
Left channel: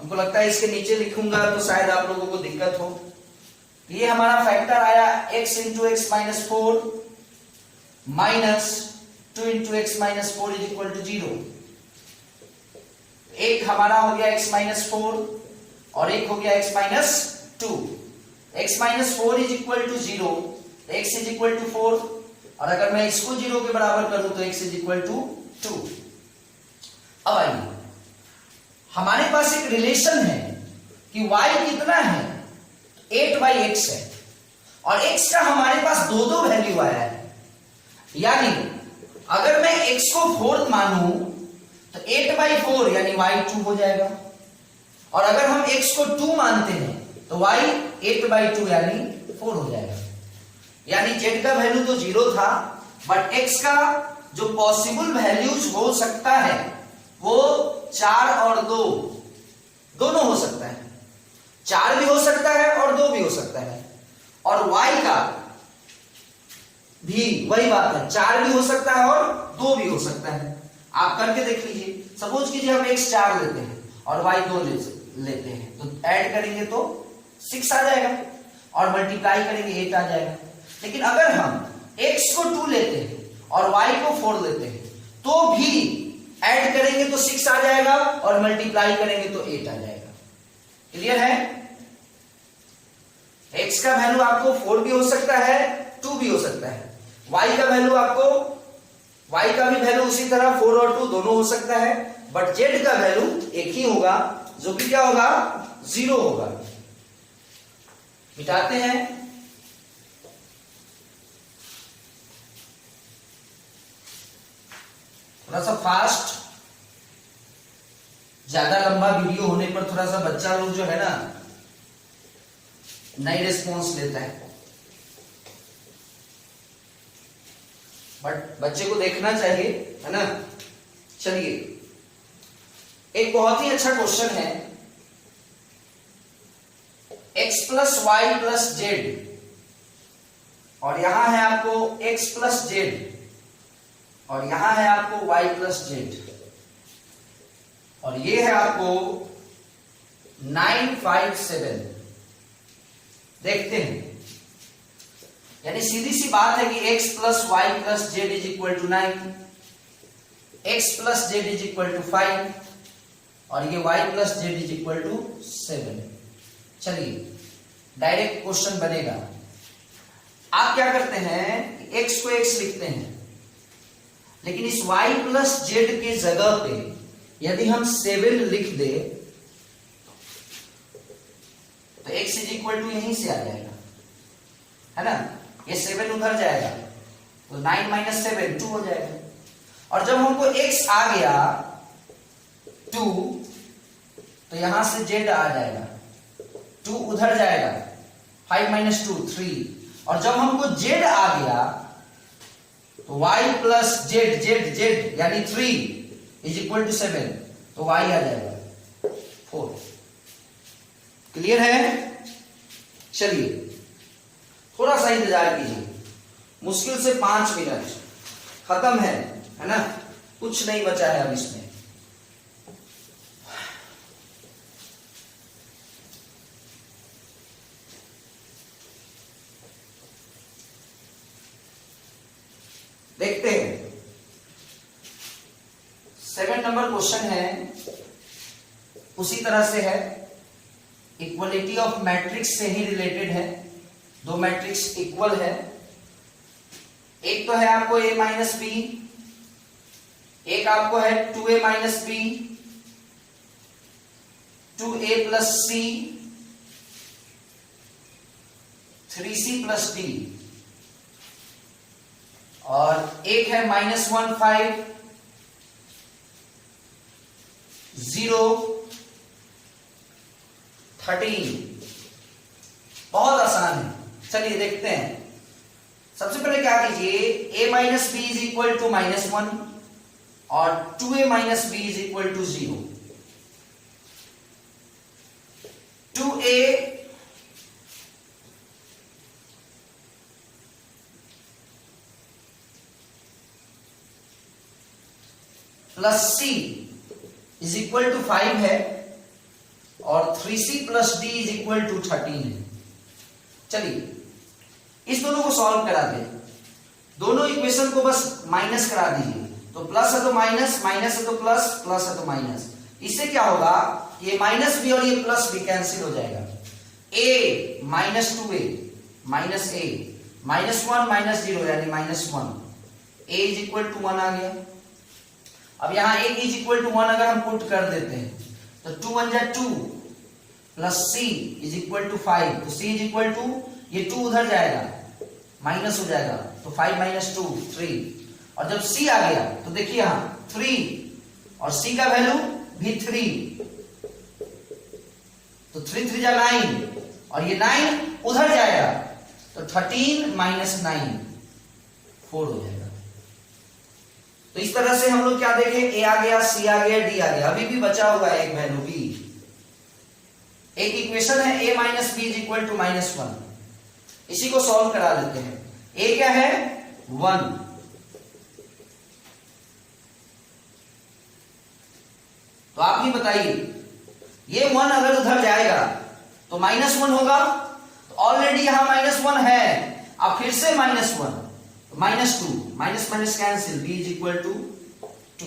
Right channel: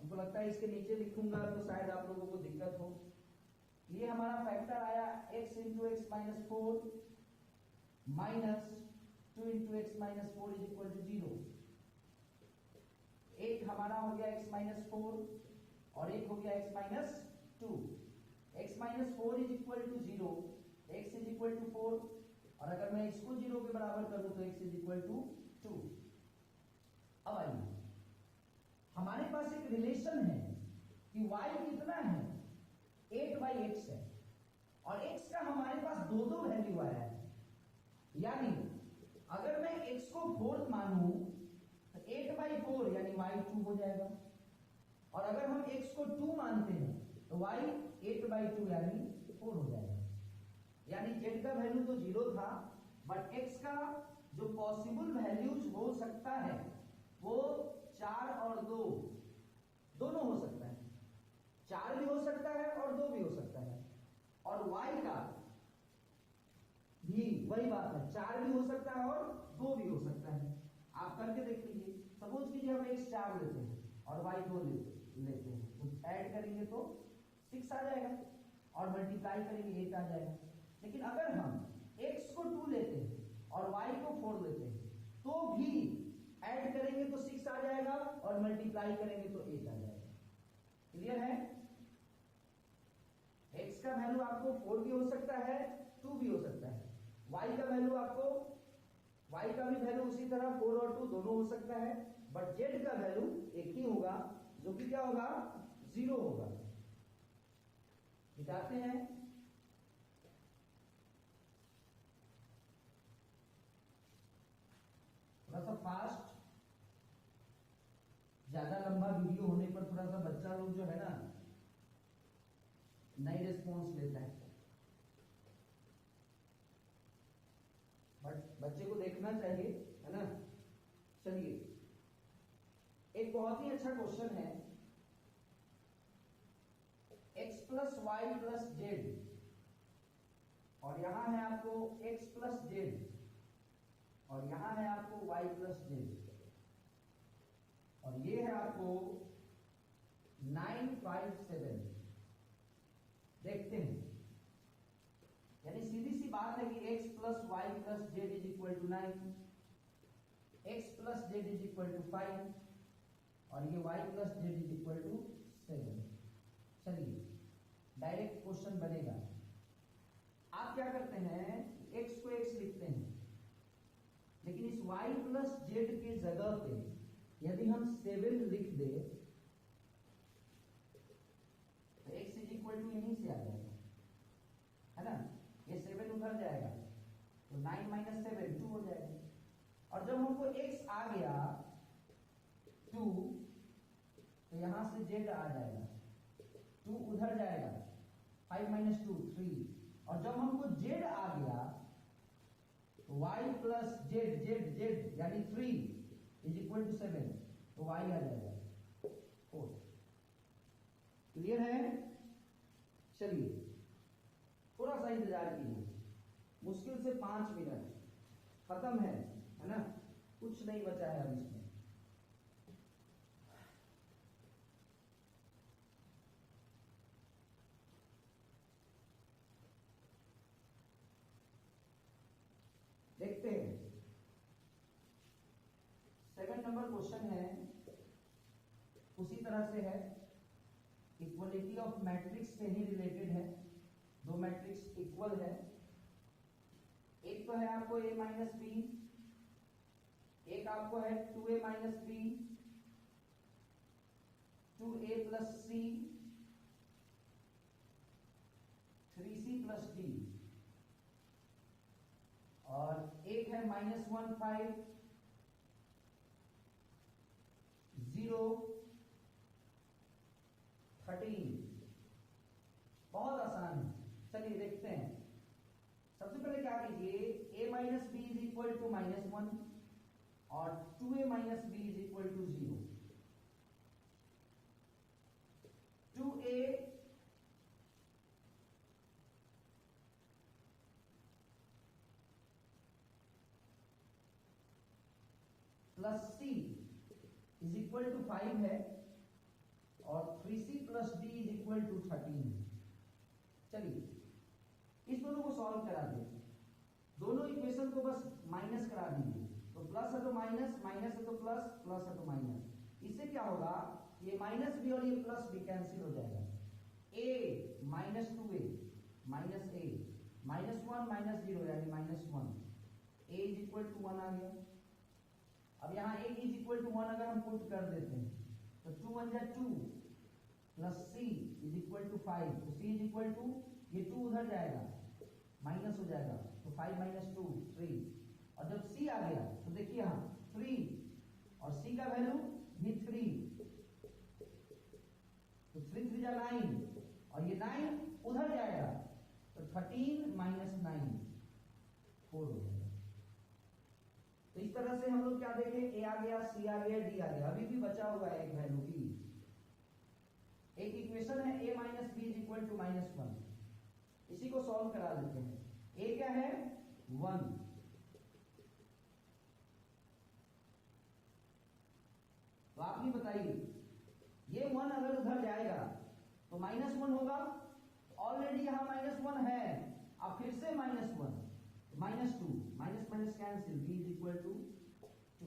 हमको लगता है इसके नीचे लिखूंगा तो शायद आप लोगों को दिक्कत हो। ये हमारा फैक्टर आया x into x minus 4 minus 2 into x minus 4 is equal to 0। एक हमारा हो गया x माइनस 4 और एक हो गया x minus 2। x minus 4 is equal to 0, x is equal to 4, और अगर मैं इसको 0 के बराबर करूं तो x इज इक्वल टू 2। अब आइए हमारे पास एक रिलेशन है कि y कितना है 8/x है और x का हमारे पास दो दो वैल्यू आया है, यानी अगर मैं x को 4 मानूं तो 8/4 यानी y 2 हो जाएगा, और अगर हम x को 2 मानते हैं तो y 8/2 यानी 4 हो जाएगा। यानी z का वैल्यू तो 0 था, बट x का जो पॉसिबल वैल्यूज हो सकता है वो 4 और 2 दोनों हो सकता है। 4 भी हो सकता है और 2 भी हो सकता है, और y का भी वही बात है, 4 भी हो सकता है और 2 भी हो सकता है। आप करके देख लीजिए। सपोज कीजिए हम x 4 लेते हैं और y 2 लेते हैं, तो ऐड करेंगे तो 6 आ जाएगा और मल्टीप्लाई करेंगे 8 आ जाएगा। लेकिन अगर हम x को 2 लेते हैं और y को 4 लेते हैं तो भी ऐड करेंगे तो 6 आ जाएगा और मल्टीप्लाई करेंगे तो 8 आ जाएगा। क्लियर है? x का वैल्यू आपको 4 भी हो सकता है, 2 भी हो सकता है। y का वैल्यू आपको y का भी वैल्यू उसी तरह 4 और 2 दोनों हो सकता है, बट z का वैल्यू एक ही होगा जो कि क्या होगा 0 होगा। मिटाते हैं। थोड़ा सा फास्ट, ज्यादा लंबा वीडियो होने पर थोड़ा सा बच्चा लोग जो है ना नई रिस्पॉन्स लेता है, बट बच्चे को देखना चाहिए, है ना। चलिए, एक बहुत ही अच्छा क्वेश्चन है। x plus Y plus Z, और यहां है आपको x प्लस जेड, और यहां है आपको y प्लस जेड, और ये है आपको 957। देखते हैं, यानी सीधी सी बात है कि x plus Y plus Z is equal to 9, x plus Z is equal to 5, और ये y plus Z is equal to 7। चलिए, डायरेक्ट क्वेश्चन बनेगा। आप क्या करते हैं, x को x लिखते हैं, लेकिन इस y प्लस जेड के जगह पे यदि हम 7 लिख दे तो x इज इक्वल टू यहीं से आ जाएगा, है ना। ये 7 उधर जाएगा तो 9 माइनस 7 2 हो जाएगा, और जब हमको x आ गया 2 तो यहां से z आ जाएगा, 2 उधर जाएगा, 5 माइनस 2 3, और जब हमको z आ गया तो y plus Z Z Z यानी 3 इज इक्वल टू 7, तो y आ जाएगा 4। क्लियर है? चलिए, थोड़ा सा इंतजार कीजिए, मुश्किल से 5 मिनट, खत्म है ना, कुछ नहीं बचा है अब इसमें। देखते हैं, 7 नंबर क्वेश्चन है, उसी तरह से है, इक्वलिटी ऑफ मैट्रिक्स से ही रिलेटेड है। दो मैट्रिक्स इक्वल है, एक तो है आपको a माइनस बी, एक आपको है 2a minus B, 2a plus C, 3c plus D, और एक है -1 5 0 13। बहुत आसान है, चलिए देखते हैं। सबसे पहले क्या कीजिए, a minus B is equal to -1 और 2a minus B is equal to 0। 2a plus c is equal to 5 है और 3c plus d is equal to 13 है। चलिए, इस दोनों को सॉल्व करा दें, दोनों इक्वेशन को बस माइनस करा दीजिए, तो प्लस है तो माइनस, माइनस है तो प्लस, प्लस है तो माइनस। इससे क्या होगा, ये माइनस भी और ये प्लस भी कैंसिल हो जाएगा। a minus 2a minus a, -1 minus 0 यानी -1, a इज इक्वल टू 1 आ गया। अब यहां a इज इक्वल टू 1 अगर हम पुट कर देते हैं तो 2 1 जा 2 plus C is equal to 5, तो सी इज इक्वल टू, ये 2 उधर जाएगा माइनस हो जाएगा, तो 5 माइनस 2 3, और जब सी आ गया तो देखिए यहां 3 और सी का वैल्यू भी 3, तो 3 3 जा 9 और ये 9 उधर जाएगा तो 13 माइनस 9 4 हो जाएगा। तो इस तरह से हम लोग क्या देखें, ए आ गया, सी आ गया, डी आ गया, अभी भी बचा हुआ है एक वैल्यू बी। एक इक्वेशन है a minus B is equal to -1, इसी को सॉल्व करा लेते हैं। a क्या है 1, तो आप ही बताइए ये 1 अगर उधर जाएगा तो -1 होगा, तो ऑलरेडी यहां -1 है, अब फिर से -1 -2, minus minus cancel, b is equal to 2।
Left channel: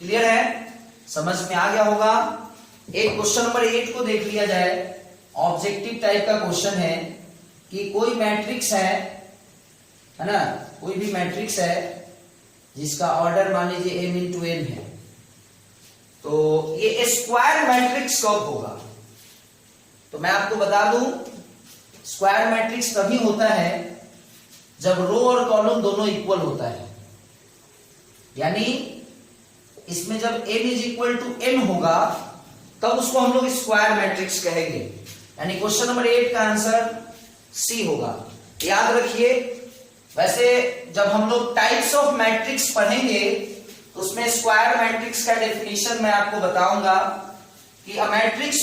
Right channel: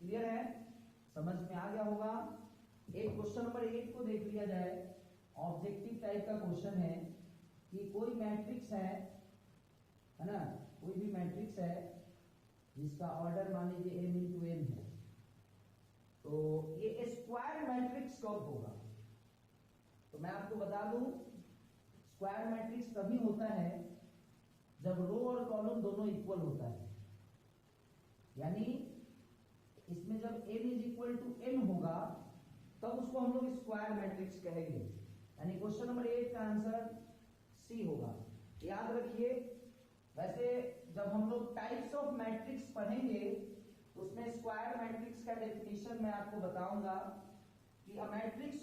Clear है, समझ में आ गया होगा। एक क्वेश्चन नंबर 8 को देख लिया जाए, ऑब्जेक्टिव टाइप का क्वेश्चन है कि कोई मैट्रिक्स है ना, कोई भी मैट्रिक्स है जिसका ऑर्डर मान लीजिए m इंटू n है, तो ये स्क्वायर मैट्रिक्स कब होगा। तो मैं आपको बता दूं, स्क्वायर मैट्रिक्स तभी होता है जब रो और कॉलम दोनों इक्वल होता है, यानी इसमें जब n is equal to n होगा तब उसको हम लोग स्क्वायर मैट्रिक्स कहेंगे, यानी क्वेश्चन नंबर 8 का आंसर सी होगा। याद रखिए, वैसे जब हम लोग टाइप्स ऑफ मैट्रिक्स पढ़ेंगे तो उसमें स्क्वायर मैट्रिक्स का डेफिनेशन मैं आपको बताऊंगा कि a matrix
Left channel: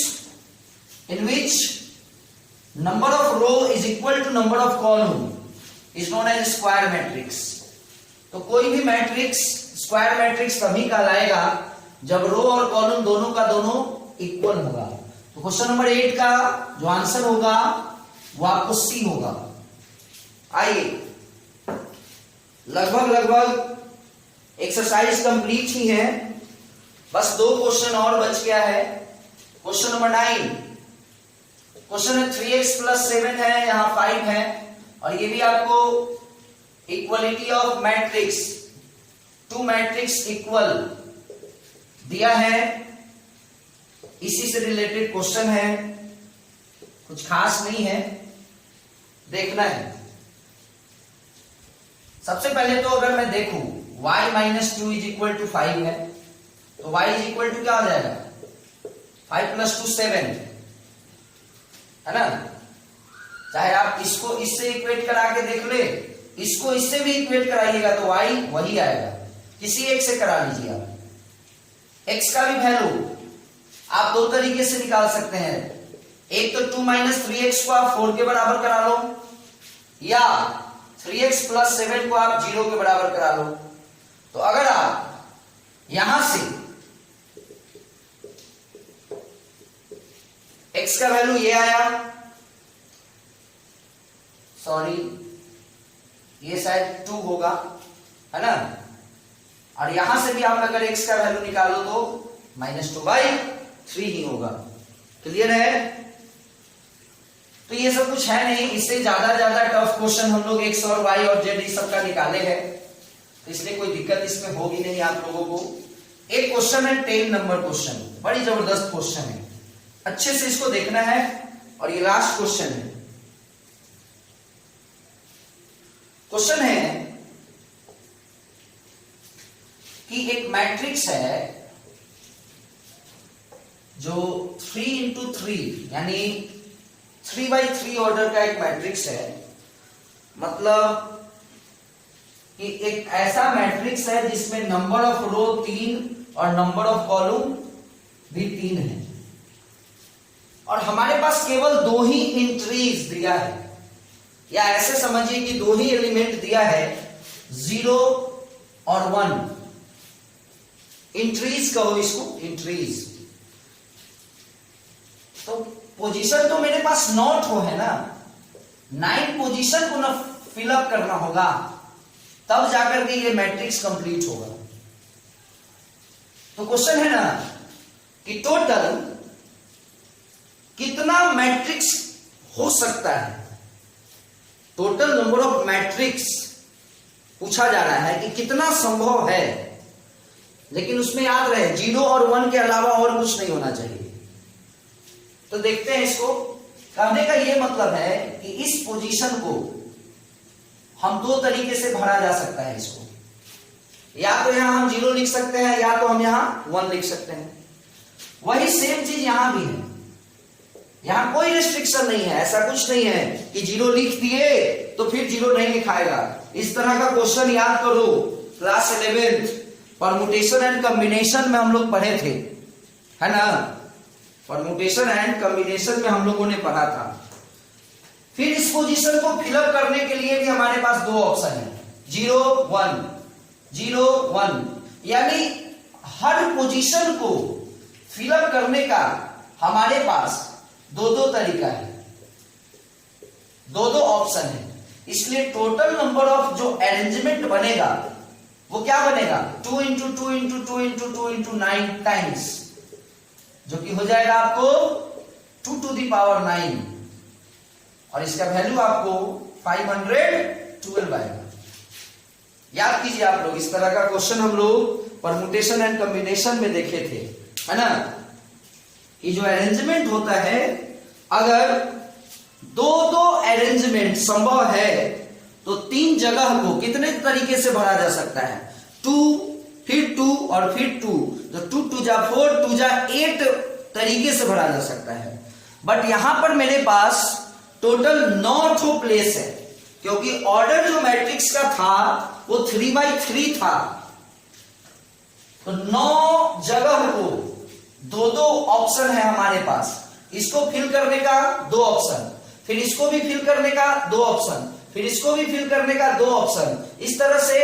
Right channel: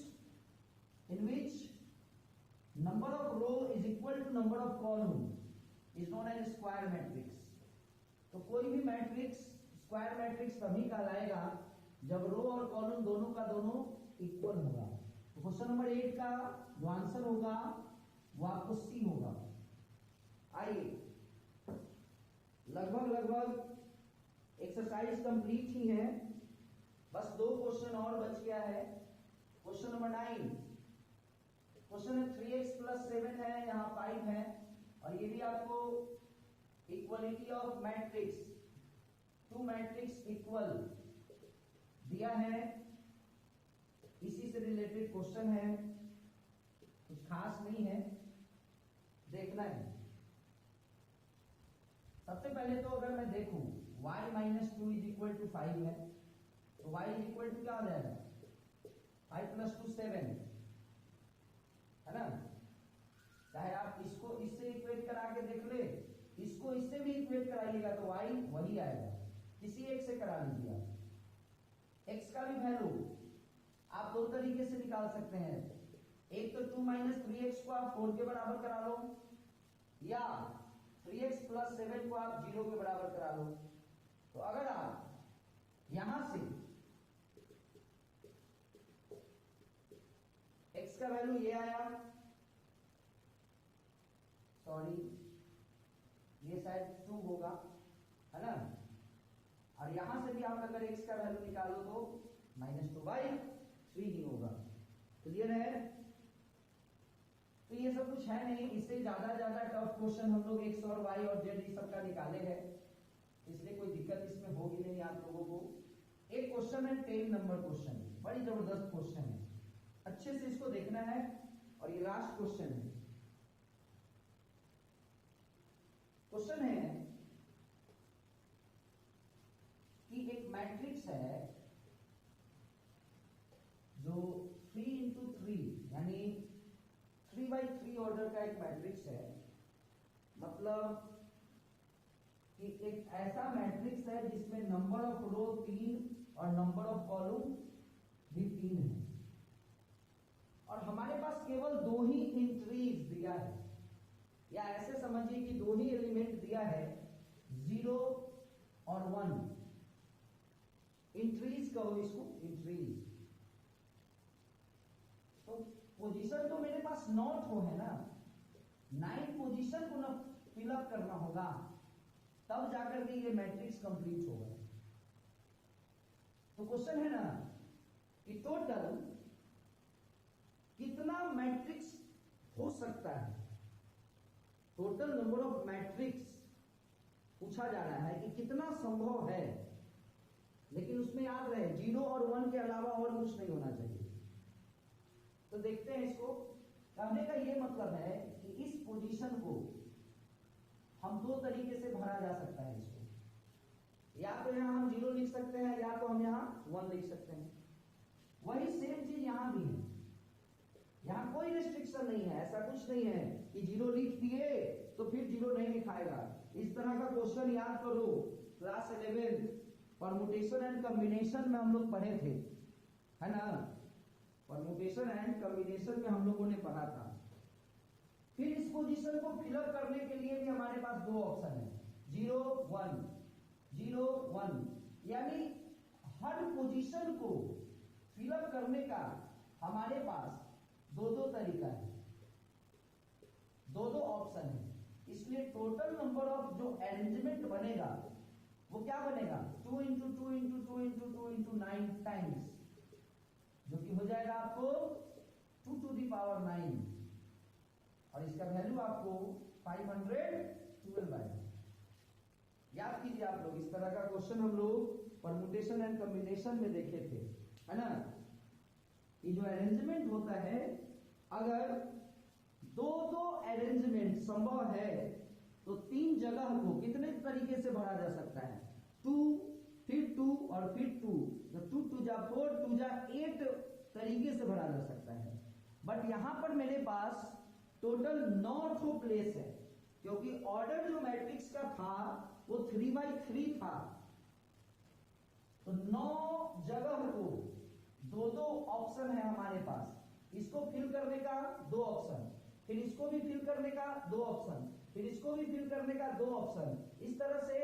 in which number of row is equal to number of column is known as square matrix. तो कोई भी मैट्रिक्स स्क्वायर मैट्रिक्स तभी कहलाएगा जब रो और कॉलम दोनों का दोनों इक्वल होगा। तो क्वेश्चन नंबर 8 का जो आंसर होगा वो आपको सी होगा। आइए, लगभग एक्सरसाइज कंप्लीट ही है, बस 2 क्वेश्चन और बच गया है। क्वेश्चन नंबर 9, क्वेश्चन है 3x प्लस 7 है, यहां 5 है, और ये भी आपको equality of matrix, 2 matrix equal दिया है, इसी से रिलेटेड क्वेश्चन है, कुछ खास नहीं है, देखना है। सबसे पहले तो अगर मैं देखूं y minus 2 is equal to 5 है, तो y इज इक्वल टू क्या आ जाएगा 5 प्लस 2 7, है ना। चाहे आप इसको इससे इक्वेट करा के देख ले, इसको इससे भी इक्वेट कराइएगा तो y वही आएगा। किसी एक से करा लीजिए आप, x का भी वैल्यू आप 2 तरीके से निकाल सकते हैं। एक तो 2 माइनस 3x को आप 4 के बराबर करा लो, या 3x प्लस 7 को आप 0 के बराबर करा लो। तो अगर आप यहां से x का वैल्यू ये आया, सॉरी ये शायद 2 होगा, है ना, और यहां से भी आप अगर x का वैल्यू निकालो तो -2/3 ही होगा। क्लियर है। तो ये सब कुछ है नहीं, इससे ज्यादा टफ क्वेश्चन हम लोग x और y और z इस सब का निकाले हैं, तो इसलिए कोई दिक्कत इसमें होगी नहीं आप लोगों को। एक क्वेश्चन है 10 नंबर क्वेश्चन, बड़ी जबरदस्त क्वेश्चन है, अच्छे से इसको देखना है, और ये लास्ट क्वेश्चन है। क्वेश्चन है कि एक मैट्रिक्स है जो 3 इंटू 3 यानी 3/3 ऑर्डर का एक मैट्रिक्स है, मतलब कि एक ऐसा मैट्रिक्स है जिसमें नंबर ऑफ रो 3 और नंबर ऑफ कॉलम भी 3 है, और हमारे पास केवल 2 ही एंट्रीज दिया है, या ऐसे समझिए कि 2 ही एलिमेंट दिया है, 0 और 1। एंट्रीज कहो इसको, एंट्रीज। तो पोजीशन तो मेरे पास नॉट हो, है ना, 9 पोजीशन को ना फिलअप करना होगा, तब जाकर के ये मैट्रिक्स कंप्लीट होगा। तो क्वेश्चन है ना कि टोटल कितना मैट्रिक्स हो सकता है, टोटल नंबर ऑफ मैट्रिक्स पूछा जा रहा है कि कितना संभव है लेकिन उसमें याद रहे 0 और 1 के अलावा और कुछ नहीं होना चाहिए। तो देखते हैं इसको। कहने का ये मतलब है कि इस पोजीशन को हम दो तरीके से भरा जा सकता है इसको, या तो यहां हम 0 लिख सकते हैं या तो हम यहां 1 लिख सकते हैं। वही सेम चीज यहां भी है, यहां कोई रिस्ट्रिक्शन नहीं है, ऐसा कुछ नहीं है कि 0 लिख दिए तो फिर 0 नहीं लिखाएगा। इस तरह का क्वेश्चन याद करो, क्लास 11 परमुटेशन एंड कॉम्बिनेशन में हम लोग पढ़े थे, है ना। परमुटेशन एंड कॉम्बिनेशन में हम लोगों ने पढ़ा था। फिर इस पोजीशन को फिलअप करने के लिए भी हमारे पास दो ऑप्शन है, 0 1 0 1, यानी हर पोजीशन को फिलअप करने का हमारे पास दो दो तरीका है, दो दो ऑप्शन है। इसलिए टोटल नंबर ऑफ जो अरेंजमेंट बनेगा वो क्या बनेगा, 2 into 2 into 2 into 2 into 9 times, जो कि हो जाएगा आपको 2 टू द पावर 9, और इसका वैल्यू आपको 512 आएगा। याद कीजिए आप लोग, इस तरह का क्वेश्चन हम लोग परमुटेशन एंड कॉम्बिनेशन में देखे थे, है ना। कि जो अरेंजमेंट होता है, अगर दो दो अरेंजमेंट संभव है तो 3 जगह को कितने तरीके से भरा जा सकता है, 2 फिर 2 और फिर 2, तो 2 2 जा 4 2 जा 8 तरीके से भरा जा सकता है। बट यहां पर मेरे पास टोटल 9 प्लेस है, क्योंकि ऑर्डर जो मैट्रिक्स का था वो 3x3 था, तो 9 जगह को दो दो ऑप्शन है हमारे पास। इसको फिल करने का 2 ऑप्शन, फिर इसको भी फिल करने का 2 ऑप्शन, फिर इसको भी फिल करने का 2 ऑप्शन। इस तरह से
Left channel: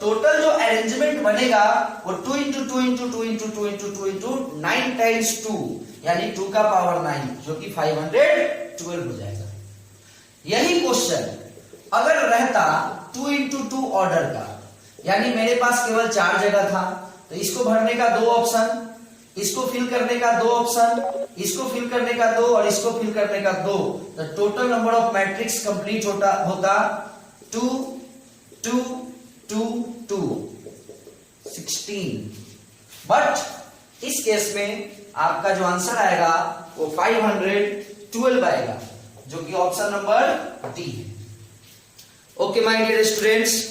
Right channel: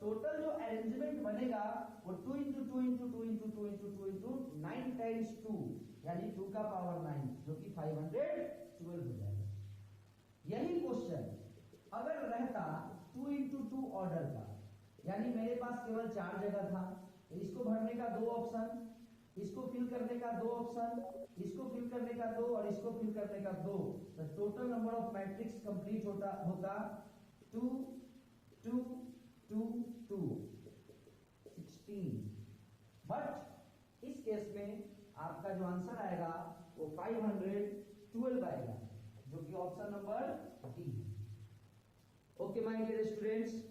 टोटल जो अरेंजमेंट बनेगा वो 2 into 2 into 2 into 2 into 2 into 9 times 2, यानी 2 का पावर 9, जो कि 512 हो जाएगा। यही क्वेश्चन अगर रहता 2 इंटू 2 ऑर्डर का, यानी मेरे पास केवल 4 जगह था, तो इसको भरने का 2 ऑप्शन, इसको फिल करने का 2 ऑप्शन, इसको फिल करने का 2 और इसको फिल करने का 2, तो total number of matrix complete होता 2 2 2 2 16। बट इस केस में आपका जो आंसर आएगा वो 512 आएगा, जो कि ऑप्शन नंबर डी है। ओके माय डियर स्टूडेंट्स,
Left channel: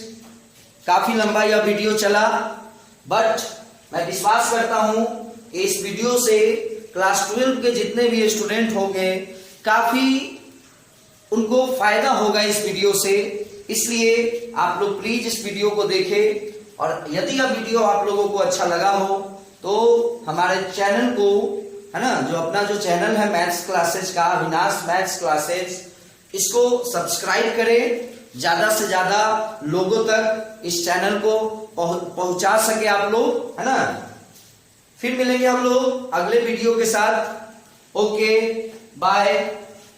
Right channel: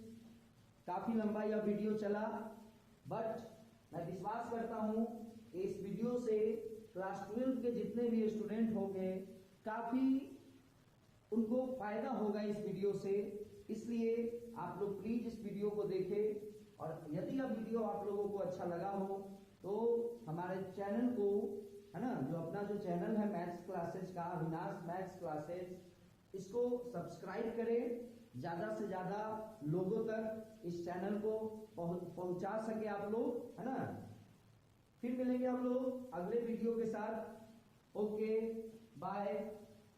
काफी लंबा यह वीडियो चला, बट मैं विश्वास करता हूं कि इस वीडियो से क्लास 12 के जितने भी स्टूडेंट होंगे काफी उनको फायदा होगा इस वीडियो से। इसलिए आप लोग प्लीज इस वीडियो को देखें, और यदि यह वीडियो आप लोगों को अच्छा लगा हो तो हमारे चैनल को, है ना, जो अपना जो चैनल है मैथ्स क्लासेज का, अविनाश मैथ्स क्लासेज, इसको सब्सक्राइब करें, ज्यादा से ज्यादा लोगों तक इस चैनल को पहुंचा सके आप लोग, है ना। फिर मिलेंगे हम लोग अगले वीडियो के साथ। ओके बाय,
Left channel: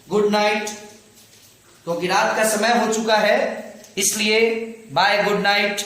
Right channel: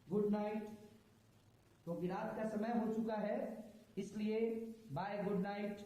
गुड नाइट, क्योंकि रात का समय हो चुका है, इसलिए बाय, गुड नाइट।